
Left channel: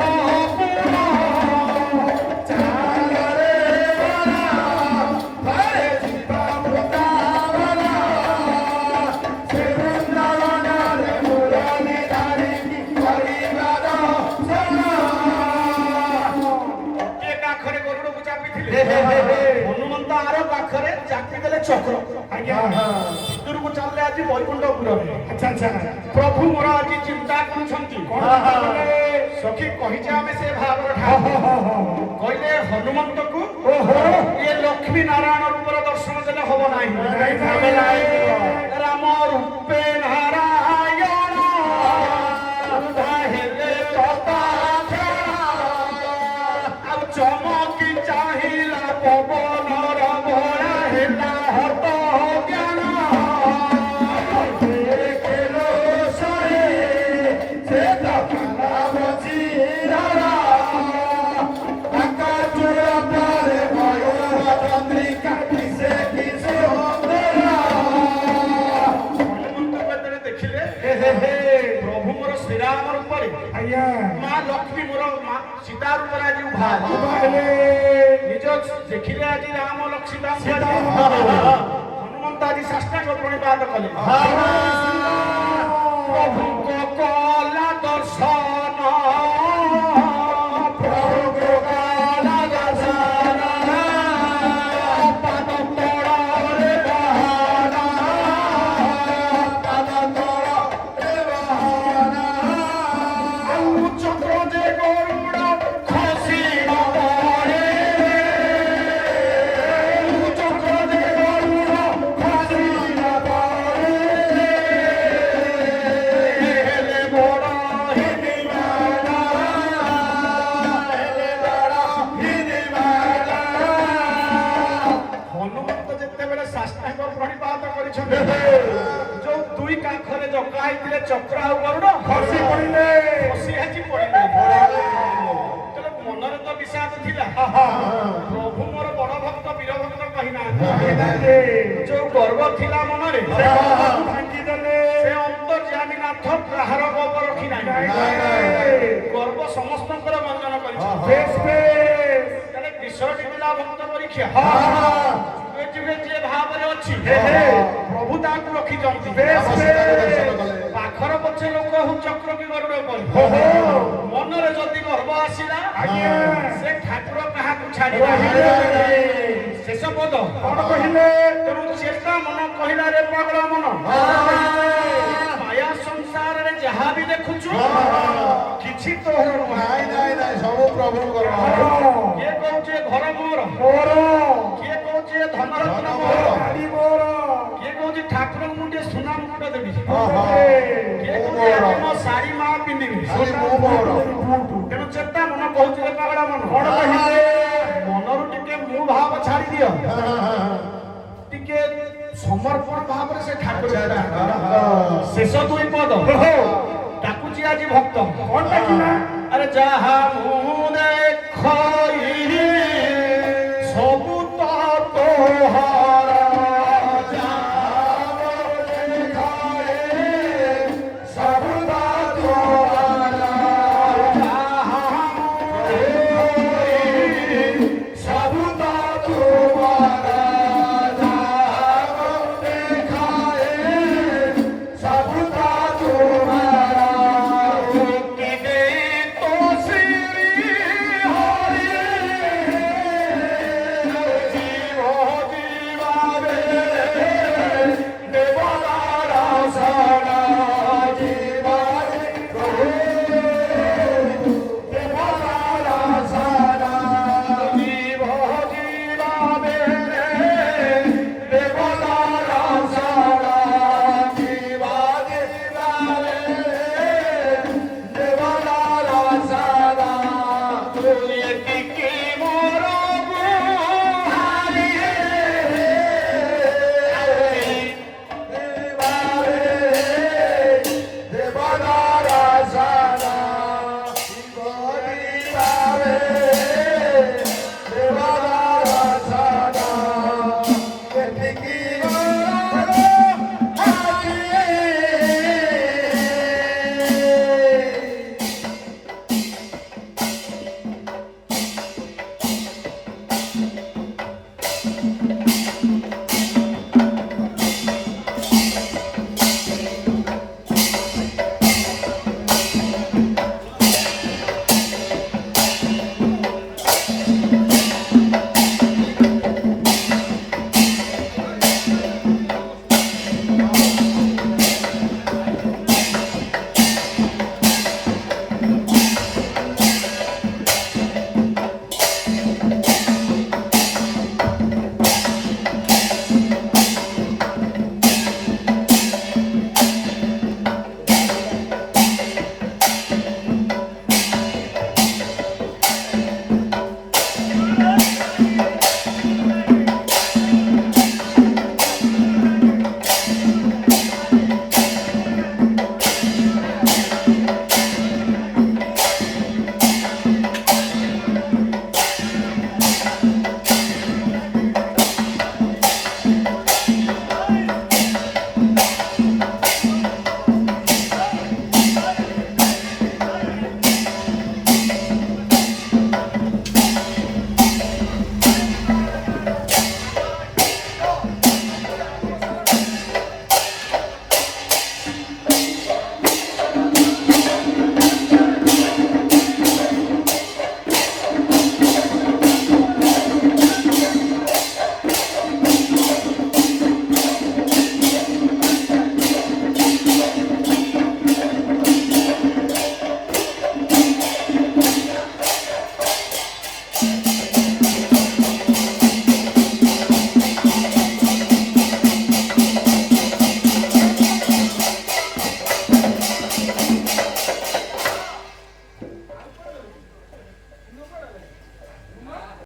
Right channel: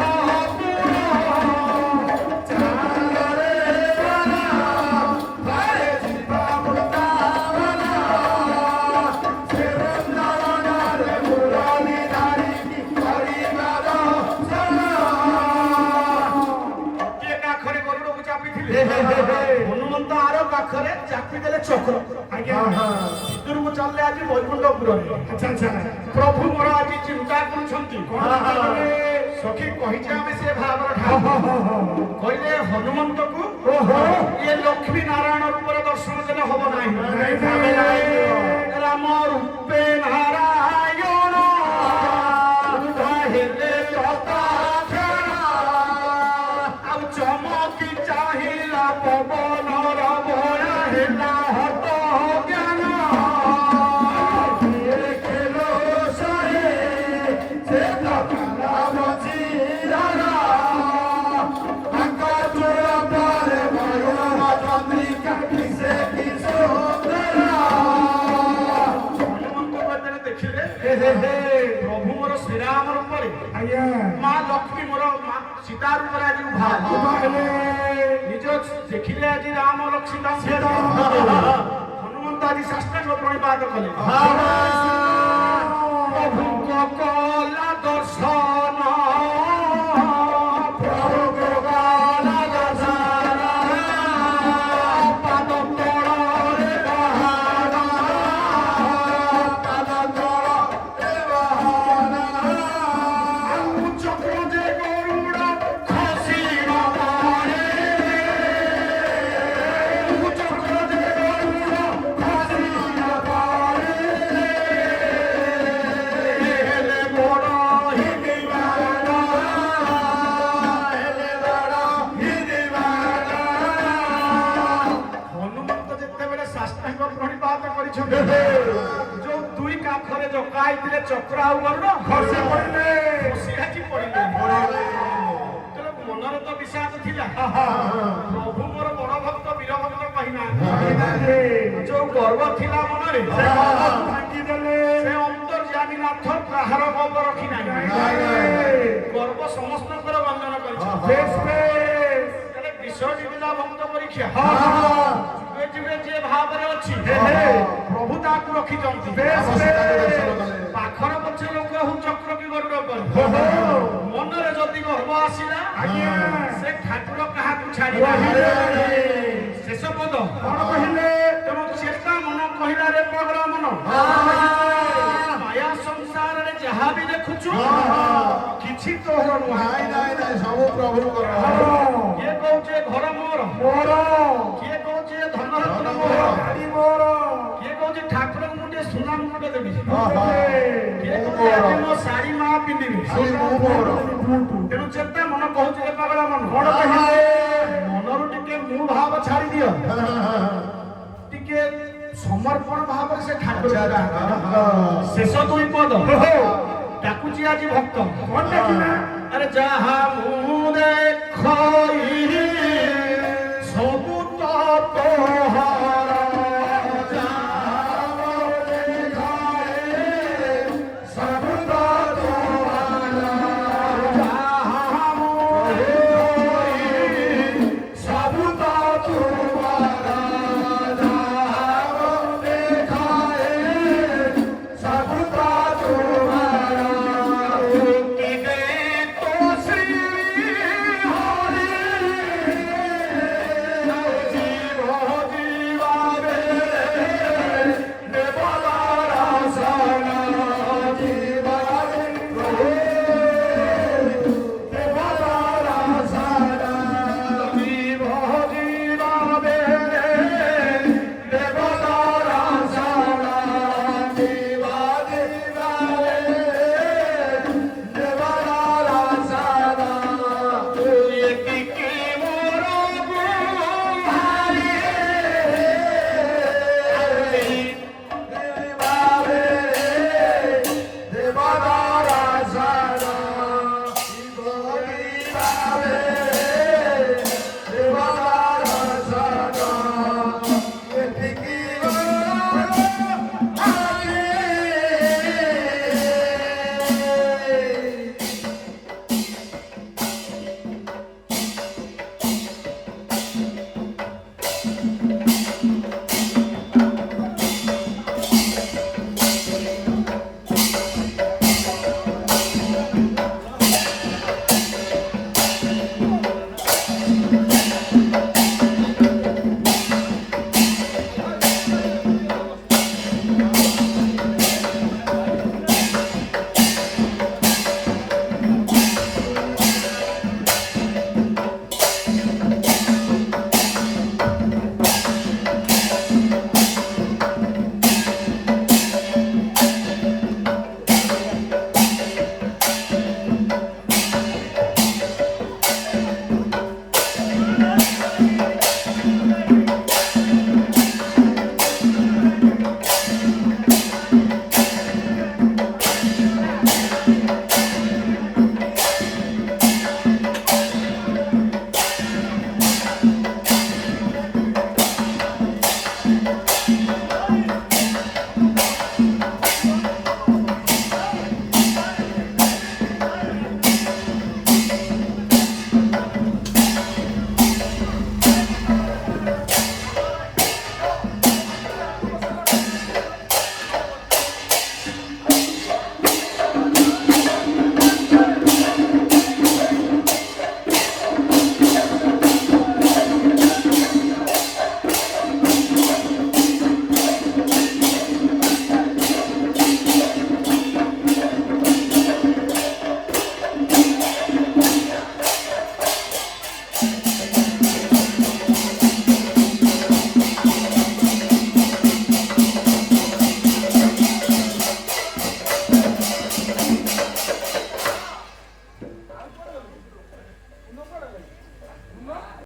କିଏ କାଖରେ ଗରୁଡ଼କୁ ଚାପିଥିଲେ ହନୁମନ୍ତ ଆର କାଖରେ ଚାପି ଦେଲେ ଚକ୍ର ଭିତରକୁ ଚାଲିଲେ ଆଜି ବୈକୁଣ୍ଠପୁରରେ ପ୍ରଭୁ ମୋର ଆଜି ଚିନ୍ତା କରୁଛନ୍ତି ସଖୀ କହିଛେ ଆମେ ସେ ଭାବର କହିଲେ ହନୁମନ୍ତକୁ ଇଏ ଲକ୍ଷ୍ମୀ ନାରାୟଣ ରୂପର ଦର୍ଶନ ଦେଲେ ହବ ନାହିଁ ରାମ ରୂପେ ନାରାୟଣ ହେଲେ ଆଉ ଚମକି ଚାହିଁଲା ପବନର ଭରା ହେଲା ହତ ଜ୍ଞାନ ସେ ପ୍ରଭୁ ମୋର ଶ୍ରୀରାମ ରୂପରେ ଆଜ୍ଞା ମା ଲକ୍ଷ୍ମୀ ମୋର ମା ସୀତା ରୂପରେ ଆଜି ଉଭା ହେଲେ ନିଜ ଦେଖିଲେ ଆଜି ରାମ ଲକ୍ଷ୍ମୀ ସୀତା। ହନୁମନ୍ତ ଆଜି ଶାସ୍ତ୍ରାଙ୍ଗ ପ୍ରଣିପାତ କଲେ ପ୍ରଭୁଙ୍କ କଲା ଦର୍ଶନ ପ୍ରଭୁଙ୍କ କଲା ଦର୍ଶନ ପାଦ ତଳରେ ବାହାନା ପାଦ ତଳରେ ବାହାନା ଆଉ ଚକ୍ର ଯେ ଗରୁଡ଼ ଖସିବ ପରେ ଚକ୍ର ଯେ ଗରୁଡ଼ ଖସିବ ପରେ ହେଲେ ବଡ଼ ହିରିବାନା ହେଲେ ବଡ଼ ହିରିବାନା ହନୁମନ୍ତ ଯେତେବେଳେ ଶାସ୍ତ୍ରାଙ୍ଗ ପ୍ରଣିପାତ କରିଛନ୍ତି ଯୋଉ ଦୁଇ କାଖରେ ଜକା ହେଇଥିଲେ ଚକ୍ର ଆଉ ଗରୁଡ଼ ଖସି ପଡ଼ିଲେ ଖସି ଆଜି ପଡ଼ିଲେ ତେଣୁ ମନରେ ତ ବିଷାଦ ଥିଲା ପ୍ରଭୁ ମୋର ବଡ଼ ଭକ୍ତ ବୀର ଭକ୍ତ କହିନାହାନ୍ତି ଯୋଉ ଗର୍ବ ଥିଲା ମନରେ ଭାଙ୍ଗିଦେଲେ ସେ ଅନ୍ତର୍ଯାମୀ ନାଥ କାହାର ଗର୍ବ ରଖି ନାହିଁ ଗର୍ବ ସମସ୍ତଙ୍କର ବନ୍ଦନ କରିଛନ୍ତି ବେଶ ବେଶ ତାହେଲେ ବିଷୟଟି ଥିଲା ଭକ୍ତ ପରୀକ୍ଷା ଯୁଗେ ଯୁଗେ ଯିଏ ଭାବରେ ଅଛି ପ୍ରଭୁ ତାହାକୁ ରଖିଛନ୍ତି ପାଖର ପଛେ ଲୋକ ହଉ ଚକ୍ର କି ଗରୁଡ଼ କରୁ ମନରେ ଯଦି ଗର୍ବ ଆସିଲା ସେ ଠାକୁର କାହାକୁ ଛାଡ଼ିବ ଶେଷ ପଦ କଣ କହିଲେ ତେଣୁ ଚେତା ମନ କହିଲା ରେ ପାଗଳ ମନ ମାୟା ସଂସାରରେ ଯାହା ବି ଦେଖୁଛୁ କିଛି ତୋର ନୁହେଁ ସବୁ ପ୍ରଭୁଙ୍କର କିଏ କହୁଛି ଘର ମୋର ମୋର କିଏ କହୁଛି ଧନରତ୍ନ ଧନ ମୋର ଗାଡ଼ି ମୋର କିଏ କହୁଛି ଠାକୁରଙ୍କୁ ଟିକେ ସୁନା ମୁକୁଟ ଦେବି ଓହୋ। କିଏ କହୁଛି ଆଜି ମୋ ଶାଢ଼ୀ ମା ପିନ୍ଧିବି ଖାଲି ମୁଁ ମୋର ତେଣୁ ଚେତା ମନ କହୁଛି ରେ ପାଗଳ ମନ କଣ କହିଲେ ମନରୁ ଟିକେ ମୁଁ ଭାବ ଛାଡ଼ି ଦିଅ ଟିକେ ସମର୍ପଣ ଭାବରେ ସେ ଠାକୁର ଶେଷ ଦୁଇ ପଦ ଡାକୁଛି ଆଜି ଭକ୍ତ କଣ ଡାକିଲା ଆରେ ଯାହା